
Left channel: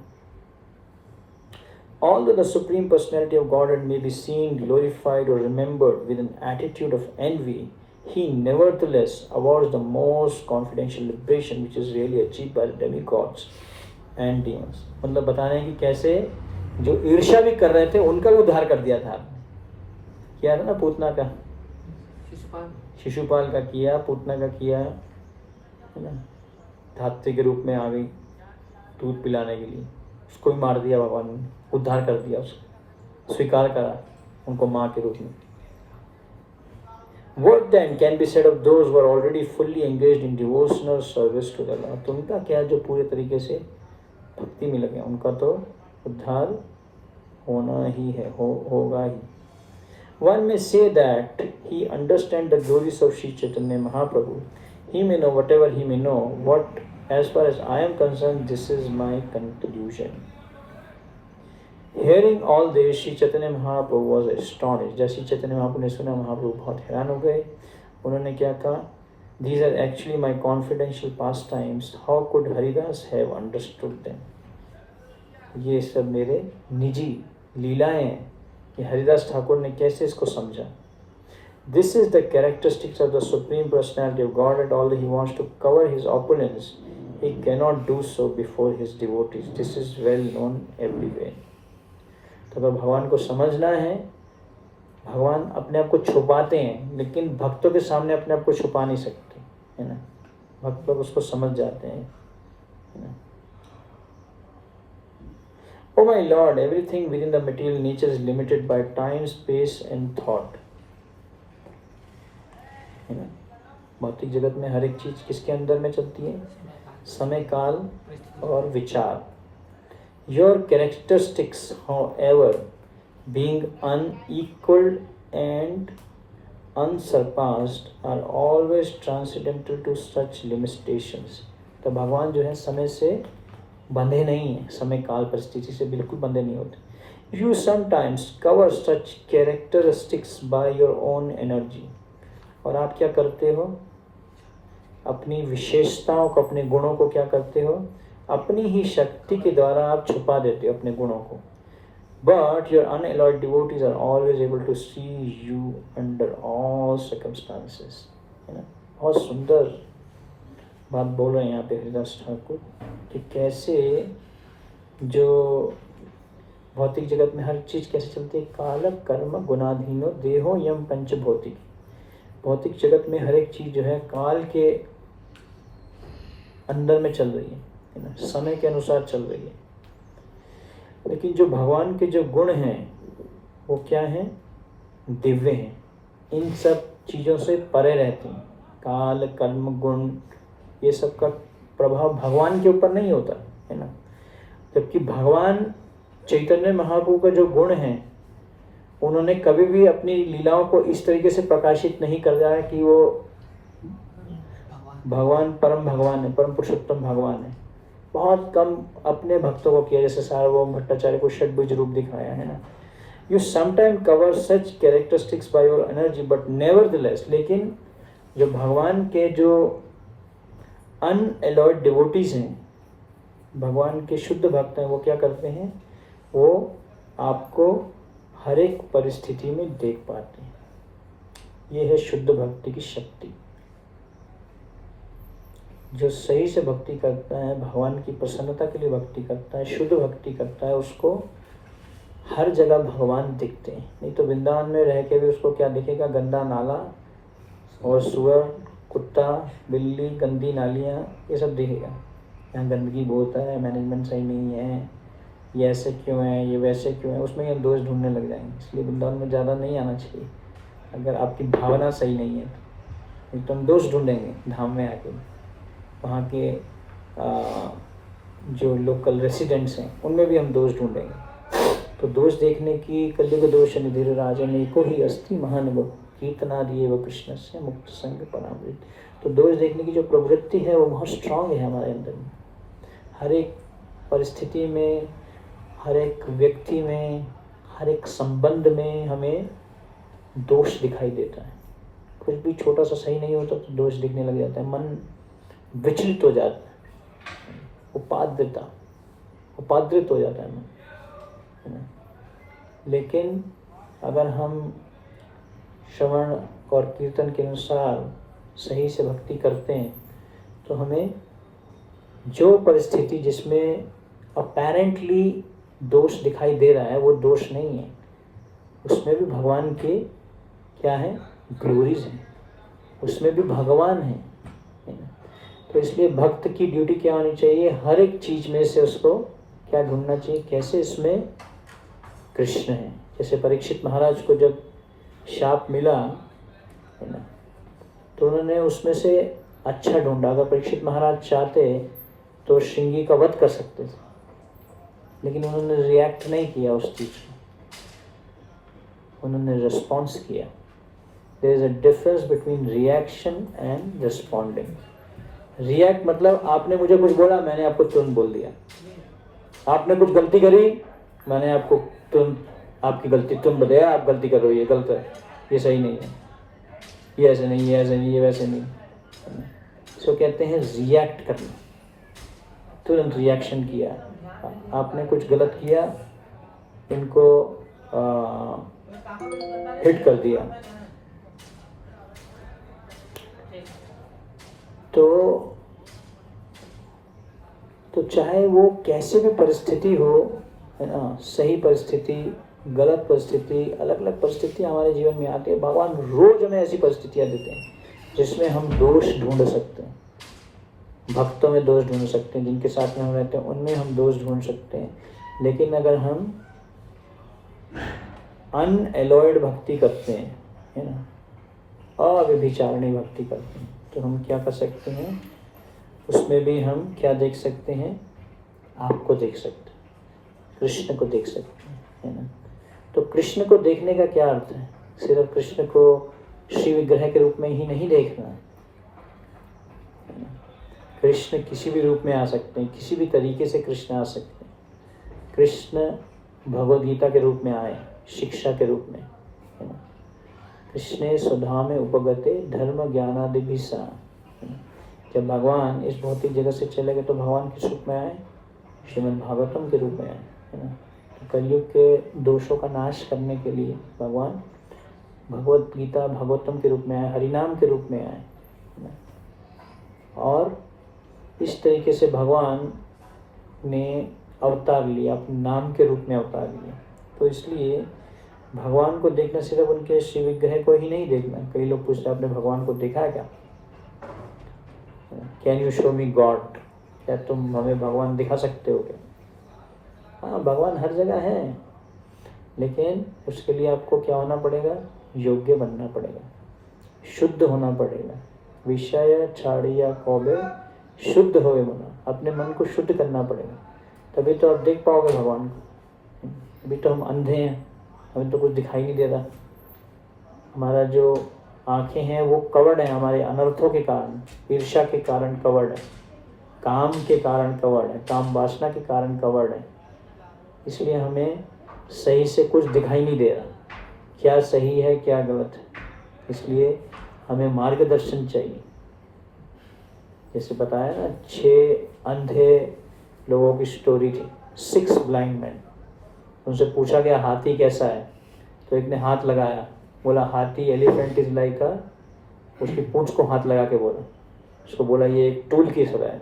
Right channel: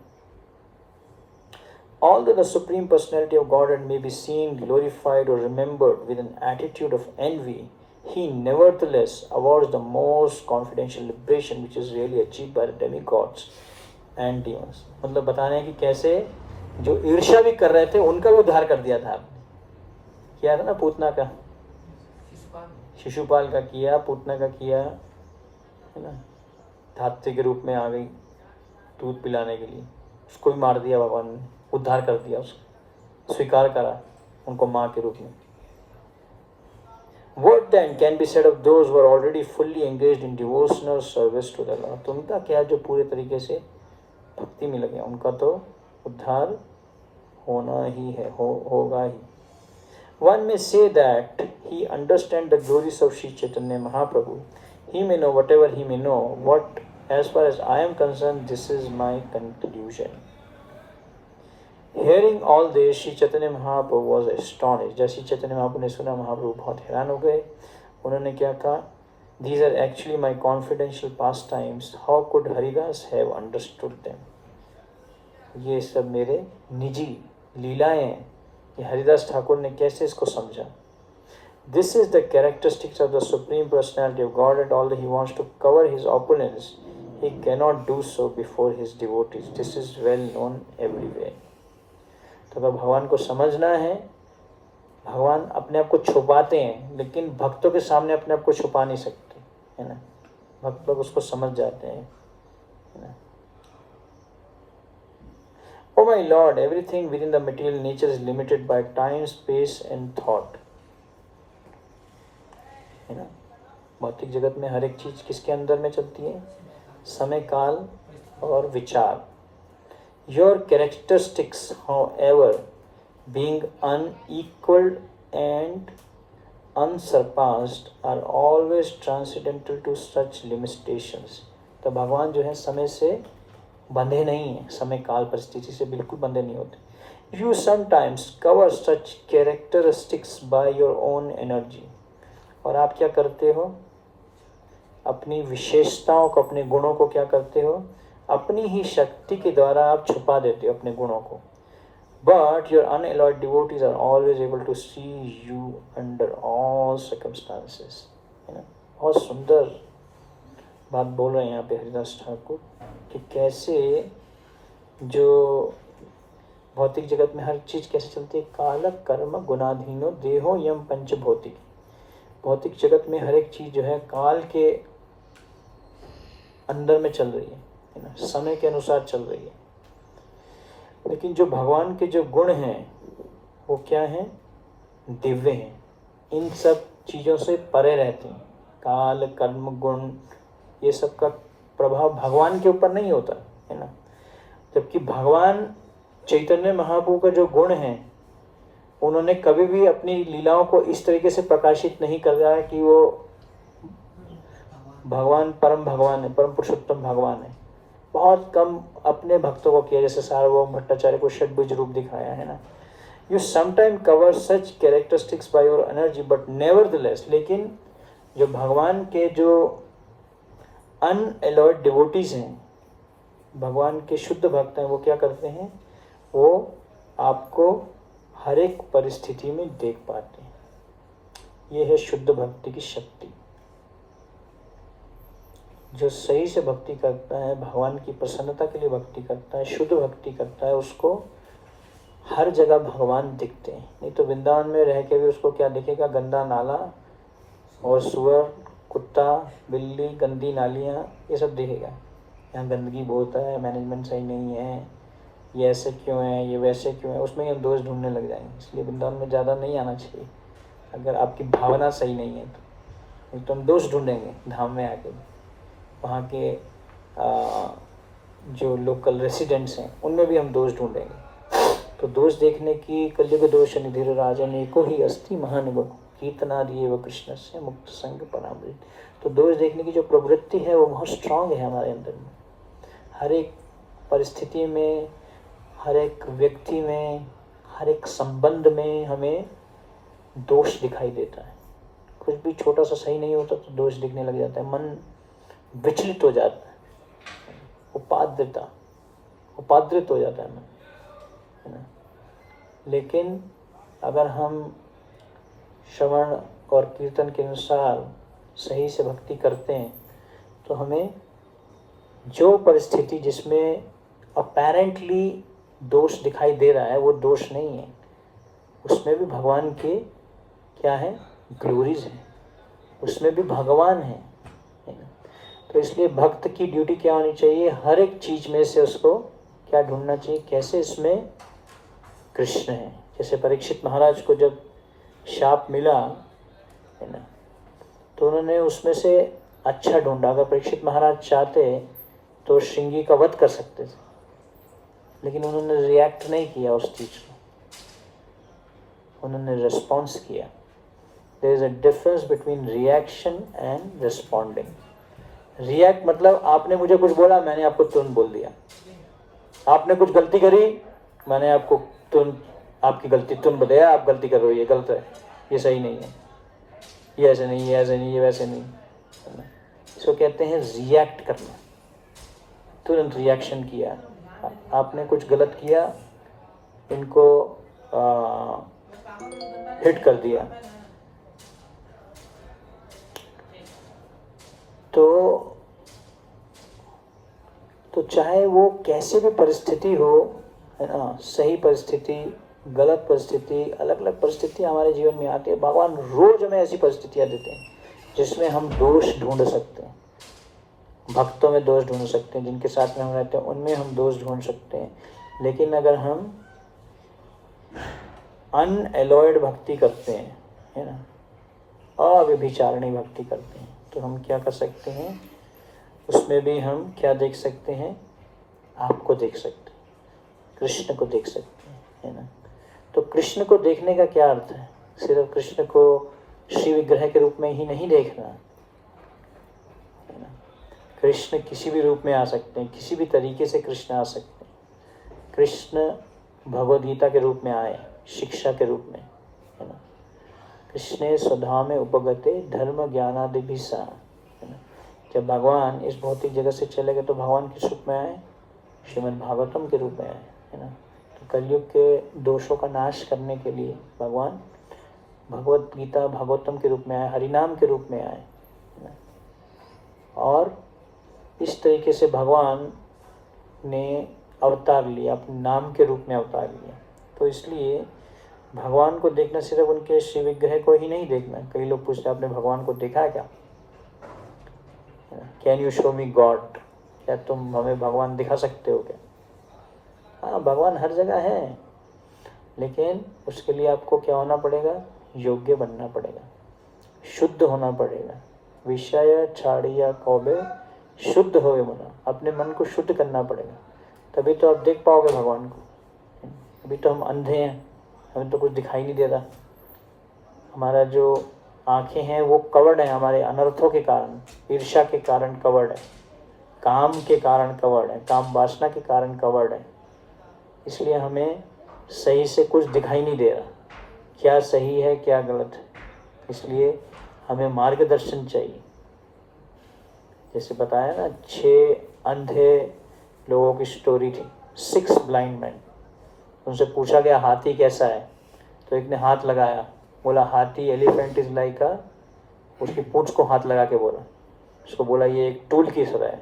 Although the Supreme Personality of Godhead may be seen, glorified or remembered with an attitude of envy, he nevertheless awards the most confidential liberation which is really achieved by the demigods and demons. मतलब बताने हैं कि कैसे जो ईर्ष्या भी कर रहे थे उनका भी उद्धार कर दिया था आपने। किया था ना पूतना का, शिशुपाल का किया, पूतना का किया, है ना। धात्री के रूप में आ गई दूध पिलाने के लिए, उसको भी मार दिया भगवान ने, उद्धार कर दिया, उसको स्वीकार करा उनको माँ के रूप में। What then can be said of those who are already fully engaged in devotional service to the Lord? तो उनका क्या, जो पूरे तरीके से भक्ति में लगे, उनका तो उद्धार होना ही है, होगा ही। One may say that he understands the glories of Sri Chaitanya Mahaprabhu. He may know whatever he may know. What, as far as I am concerned, this is my conclusion. Hearing all this, Sri Chaitanya Mahaprabhu was astonished. जब श्री चैतन्य महाप्रभु ने सुना, महाप्रभु बहुत हैरान हो गए। उन्होंने क्या कहा, These are actually my confidential pastimes. How could Haridas have understood them? ये सब मेरे निजी लीलाएं हैं कि हरिदास ठाकुर ने कैसे इसको समझा। This is the characteristics of the Supreme Personality of God, and although he wants to cover his opponents, he cannot do so before his devotees. This is well known everywhere. तो अगर भगवान को समझना है, भगवान अपने आप को छुपाते हैं, लेकिन भक्तों के सामने अपने आप को छुपा नहीं सकते, है ना। भक्त लोग उसको समझ जाते हैं, है ना। Oh my Lord, everything within the material nature is limited by time, space and thought. You know? भौतिक जगत में हर एक चीज़ किसके अंदर में चलती है? समय, काल और विचार। Your characteristics however being unequaled and unsurpassed are always transcendental to such limitations। तो भगवान जो है समय से बंधे नहीं हैं, समय काल परिस्थिति से बिल्कुल बंधे नहीं होते। You sometimes cover such characteristics by your own energy। और आप क्या करते हो? अपनी विशेषताओं को, अपने गुणों को क्या करते हो? अपनी ही शक्ति के द्वारा आप छुपा देते हो अपने गुणों को। But your unalloyed devotees are always able to see you under all circumstances। है ना? बहुत सुंदर बात बोल रहे हैं यहाँ पे हरिदास ठाकुर कि कैसे जो भौतिक जगत में हर चीज़ कैसे चलती है? काल कर्म गुणाधीनो देहो यम पंचभौतिक। भौतिक जगत में हर एक चीज़ जो है काल के अंदर में चल रही है ना, समय के अनुसार चल रही है। लेकिन जो भगवान के जो गुण हैं वो क्या हैं? दिव्य हैं, इन सब चीज़ों से परे रहती हैं। काल कर्म गुण ये सब का प्रभाव भगवान के ऊपर नहीं होता है ना। जबकि भगवान चैतन्य महाप्रभु का जो गुण है, उन्होंने कभी भी अपनी लीलाओं को इस तरीके से प्रकाशित नहीं कर रहा है कि वो भगवान है, परम पुरुषोत्तम भगवान है। बहुत कम अपने भक्तों को किया, जैसे सार्वभौम भट्टाचार्य को षड्भुज रूप दिखाया है ना। You sometime cover such characteristics by your energy but nevertheless. लेकिन जो भगवान के जो अनएलॉयड डिवोटीज हैं, भगवान के शुद्ध भक्त हैं, वो क्या करते हैं? वो आपको हर एक परिस्थिति में देख पाते हैं। ये है शुद्ध भक्ति की शक्ति। जो सही से भक्ति करता है, भगवान की प्रसन्नता के लिए भक्ति करता है, शुद्ध भक्ति करता है, उसको हर जगह भगवान दिखते हैं। नहीं तो वृंदावन में रह के भी उसको क्या दिखेगा? गंदा नाला और सुअर, कुत्ता, बिल्ली, गंदी नालियाँ, ये सब दिखेगा। यहाँ गंदगी बहुत है, मैनेजमेंट सही नहीं है, ये ऐसे क्यों है, ये वैसे क्यों है, उसमें हम दोष ढूंढने लग जाएंगे। इसलिए वृंदावन में ज़्यादा नहीं आना चाहिए अगर आपकी भावना सही नहीं है। तो हम दोष ढूंढेंगे धाम में आके। वहाँ के जो लोकल रेसिडेंट्स हैं उनमें भी हम दोष ढूंढेंगे। तो दोष देखने की कलियुग दोष निधिर राजन को ही अस्ति महानुभव कीर्तनादि व कृष्ण से मुक्त संग परामृत। तो दोष देखने की जो प्रवृत्ति है वो बहुत स्ट्रांग है हमारे अंदर में। हर एक परिस्थिति में, हर एक व्यक्ति में, हर एक संबंध में हमें दोष दिखाई देता है। कुछ भी छोटा सा सही नहीं होता तो दोष दिखने लग जाता है, मन विचलित हो जाता है, उपाद्रित हो जाता है मन। लेकिन अगर हम श्रवण और कीर्तन के अनुसार सही से भक्ति करते हैं तो हमें जो परिस्थिति जिसमें अपैरेंटली दोष दिखाई दे रहा है वो दोष नहीं है, उसमें भी भगवान के क्या है? ग्लोरीज हैं, उसमें भी भगवान है। तो इसलिए भक्त की ड्यूटी क्या होनी चाहिए? हर एक चीज में से उसको क्या ढूंढना चाहिए? कैसे इसमें कृष्ण है। जैसे परीक्षित महाराज को जब शाप मिला है ना, तो उन्होंने उसमें से अच्छा ढूंढा। अगर परीक्षित महाराज चाहते तो श्रृंगी का वध कर सकते थे, लेकिन उन्होंने रिएक्ट नहीं किया उस चीज को, उन्होंने रिस्पॉन्स किया। There is a difference between reaction and responding. React मतलब आपने मुझे कुछ बोला, मैंने आपको तुरंत बोल दिया। आपने कुछ गलती करी, मैंने आपको तुरंत आपकी गलती तुरंत बताया, आप गलती कर रहे हो, ये गलत है, ये सही नहीं है, ये ऐसे नहीं, ये ऐसे नहीं, ये वैसे नहीं। इसको कहते हैं रिएक्ट करना, तुरंत रिएक्शन किया। आपने कुछ गलत किया, इनको हिट कर दिया, तो चाहे वो कैसे भी परिस्थिति हो, है ना, सही परिस्थिति, गलत परिस्थिति, अलग अलग परिस्थिति हमारे जीवन में आती है। भगवान रोज हमें ऐसी परिस्थितियां देते हैं जिसमें हम दोष ढूंढ सकते हैं। भक्तों में दोष ढूंढ सकते हैं, जिनके साथ में हम रहते हैं उनमें हम दोष ढूंढ सकते हैं। लेकिन अगर हम अनएलॉयड भक्ति करते हैं, है ना, अव्यभिचारिणी भक्ति करते हैं, तो हम क्या कर सकते हैं, उसमें भी हम क्या देख सकते हैं, आपको देख सकते हैं, कृष्ण को देख सकते हैं, है ना। तो कृष्ण को देखने का क्या अर्थ है, सिर्फ कृष्ण को श्री विग्रह के रूप में ही नहीं देखना, है ना। कृष्ण किसी भी रूप में आ सकते हैं, किसी भी तरीके से कृष्ण आ सकते हैं। कृष्ण भगवद गीता के रूप में आए, शिक्षा के रूप में, है ना। कृष्णे स्वधामे उपगते धर्म ज्ञानादिभिसा, है ना। जब भगवान इस भौतिक जगत से चले गए तो भगवान किस रूप में आए, श्रीमद् भागवतम के रूप में आए, है ना। तो कलयुग के दोषों का नाश करने के लिए भगवान भगवत गीता भागवतम के रूप में आए, हरिनाम के रूप में आए, है ना। और इस तरीके से भगवान ने अवतार लिया, अपने नाम के रूप में अवतार लिया। तो इसलिए भगवान को देखना सिर्फ उनके श्री विग्रह को ही नहीं देखना। कई लोग पूछते हैं आपने भगवान को देखा है क्या, can you show me God, क्या तुम हमें भगवान दिखा सकते हो क्या। हाँ, भगवान हर जगह है, लेकिन उसके लिए आपको क्या होना पड़ेगा, योग्य बनना पड़ेगा, शुद्ध होना पड़ेगा। विषय छाड़िया कौबे शुद्ध होवे मना, अपने मन को शुद्ध करना पड़ेगा, तभी तो आप देख पाओगे भगवान को। अभी तो हम अंधे हैं, हमें तो कुछ दिखाई नहीं दे रहा। हमारा जो आंखें हैं वो कवर्ड है हमारे अनर्थों के कारण, ईर्ष्या के कारण कवर्ड है, काम के कारण कवर्ड है, काम वासना के कारण कवर्ड है। इसलिए हमें सही से कुछ दिखाई नहीं दे रहा, क्या सही है क्या गलत है। इसलिए हमें मार्गदर्शन चाहिए। जैसे बताया ना, 6 अंधे लोगों की स्टोरी थी, 6 ब्लाइंड मैन। उनसे पूछा गया हाथी कैसा है, तो एक ने हाथ लगाया, बोला हाथी एलिफेंट इज लाइक अ, उसकी पूंछ को हाथ लगा के बोला, उसको बोला ये एक टूल की तरह है।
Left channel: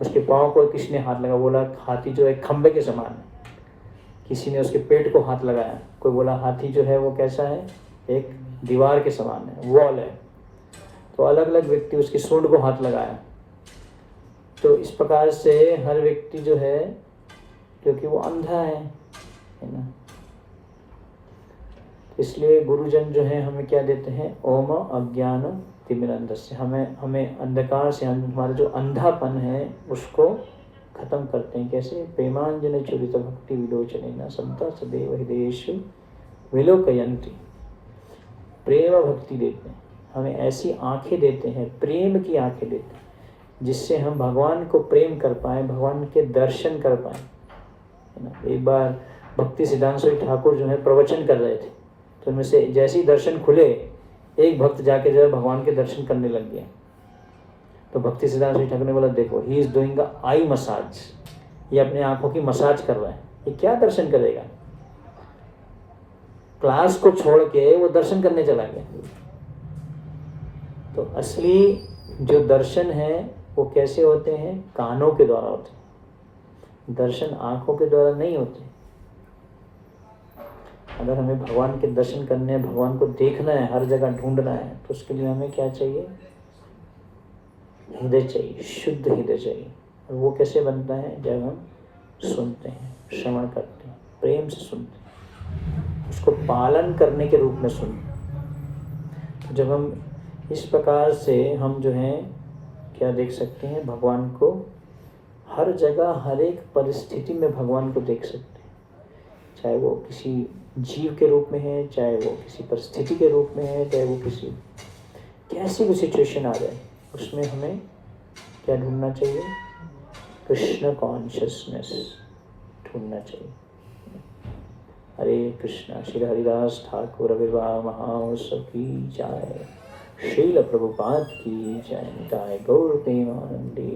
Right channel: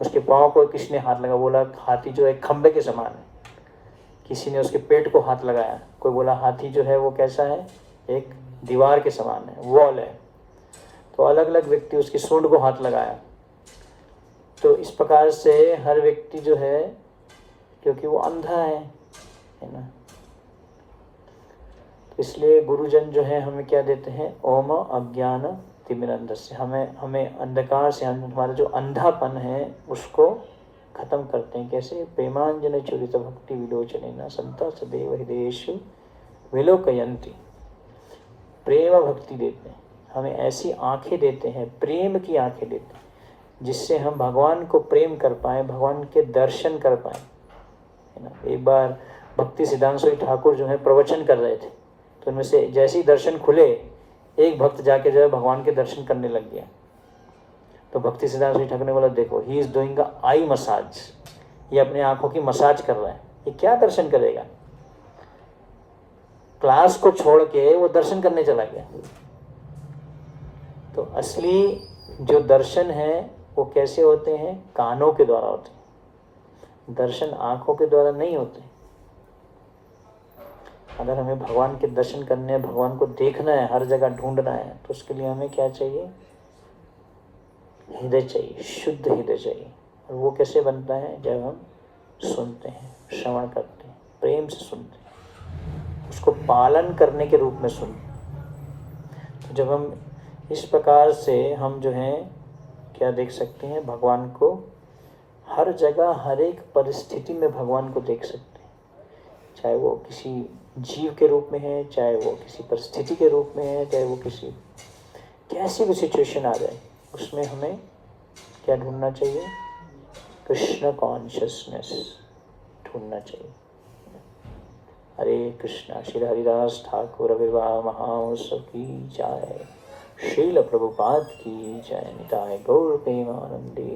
उसके पाँव को किसने हाथ लगा, बोला हाथी जो एक खंबे के समान है। किसी ने उसके पेट को हाथ लगाया, कोई बोला हाथी जो है वो कैसा है, एक दीवार के समान है, वॉल है। तो अलग अलग व्यक्ति उसकी सूंड को हाथ लगाया। तो इस प्रकार से हर व्यक्ति जो है, क्योंकि वो अंधा है ना। इसलिए गुरुजन जो है हमें क्या देते हैं, ओम अज्ञान तिमिरंधस्य, हमें अंधकार से, हमारा जो अंधापन है उसको खत्म करते हैं। कैसे, प्रेमांजन चुरित भक्ति विलोचनेन संता सदैव हृदयेषु विलोकयन्ति। प्रेम भक्ति देते हैं, हमें ऐसी आंखें देते हैं, प्रेम की आंखें देते हैं, जिससे हम भगवान को प्रेम कर पाए, भगवान के दर्शन कर पाए, है ना। एक बार भक्ति सिद्धांत स्वामी ठाकुर जो है प्रवचन कर रहे थे, तो उनमें से जैसे ही दर्शन खुले, एक भक्त जाके जो है भगवान के दर्शन करने लग गया। तो भक्ति सिद्धांत स्वामी ठाकुर ने बोला, देखो he is doing a I massage, ये अपने आंखों की मसाज कर रहा है, ये क्या दर्शन करेगा। क्लास को छोड़ के वो दर्शन करने चला गया। तो असली जो दर्शन है वो कैसे होते हैं, कानों के द्वारा होते हैं, दर्शन आंखों के द्वारा नहीं होते। अगर हमें भगवान के दर्शन करने हैं, भगवान को देखना है, हर जगह ढूंढना है, तो उसके लिए हमें क्या चाहिए, हृदय चाहिए, शुद्ध हृदय चाहिए। और वो कैसे बनता है, जब हम सुनते हैं, श्रवण करते हैं, प्रेम से सुनते हैं, उसको पालन करने के रूप में सुनते हैं। जब हम इस प्रकार से हम जो है क्या देख सकते हैं, भगवान को हर जगह, हर एक परिस्थिति में भगवान को देख सकते हैं। चाहे वो किसी जीव के रूप में है, चाहे वो किसी परिस्थिति के रूप में है, चाहे वो किसी कैसी भी सिचुएशन आ जाए, उसमें हमें क्या ढूंढना चाहिए, कृष्ण कॉन्शियसनेस ढूंढना चाहिए। हरे कृष्णा। श्री हरिदास ठाकुर विवाह महाउत्सव की जय, श्रील प्रभुपाद की जय, निताय गौर प्रेमानंदे।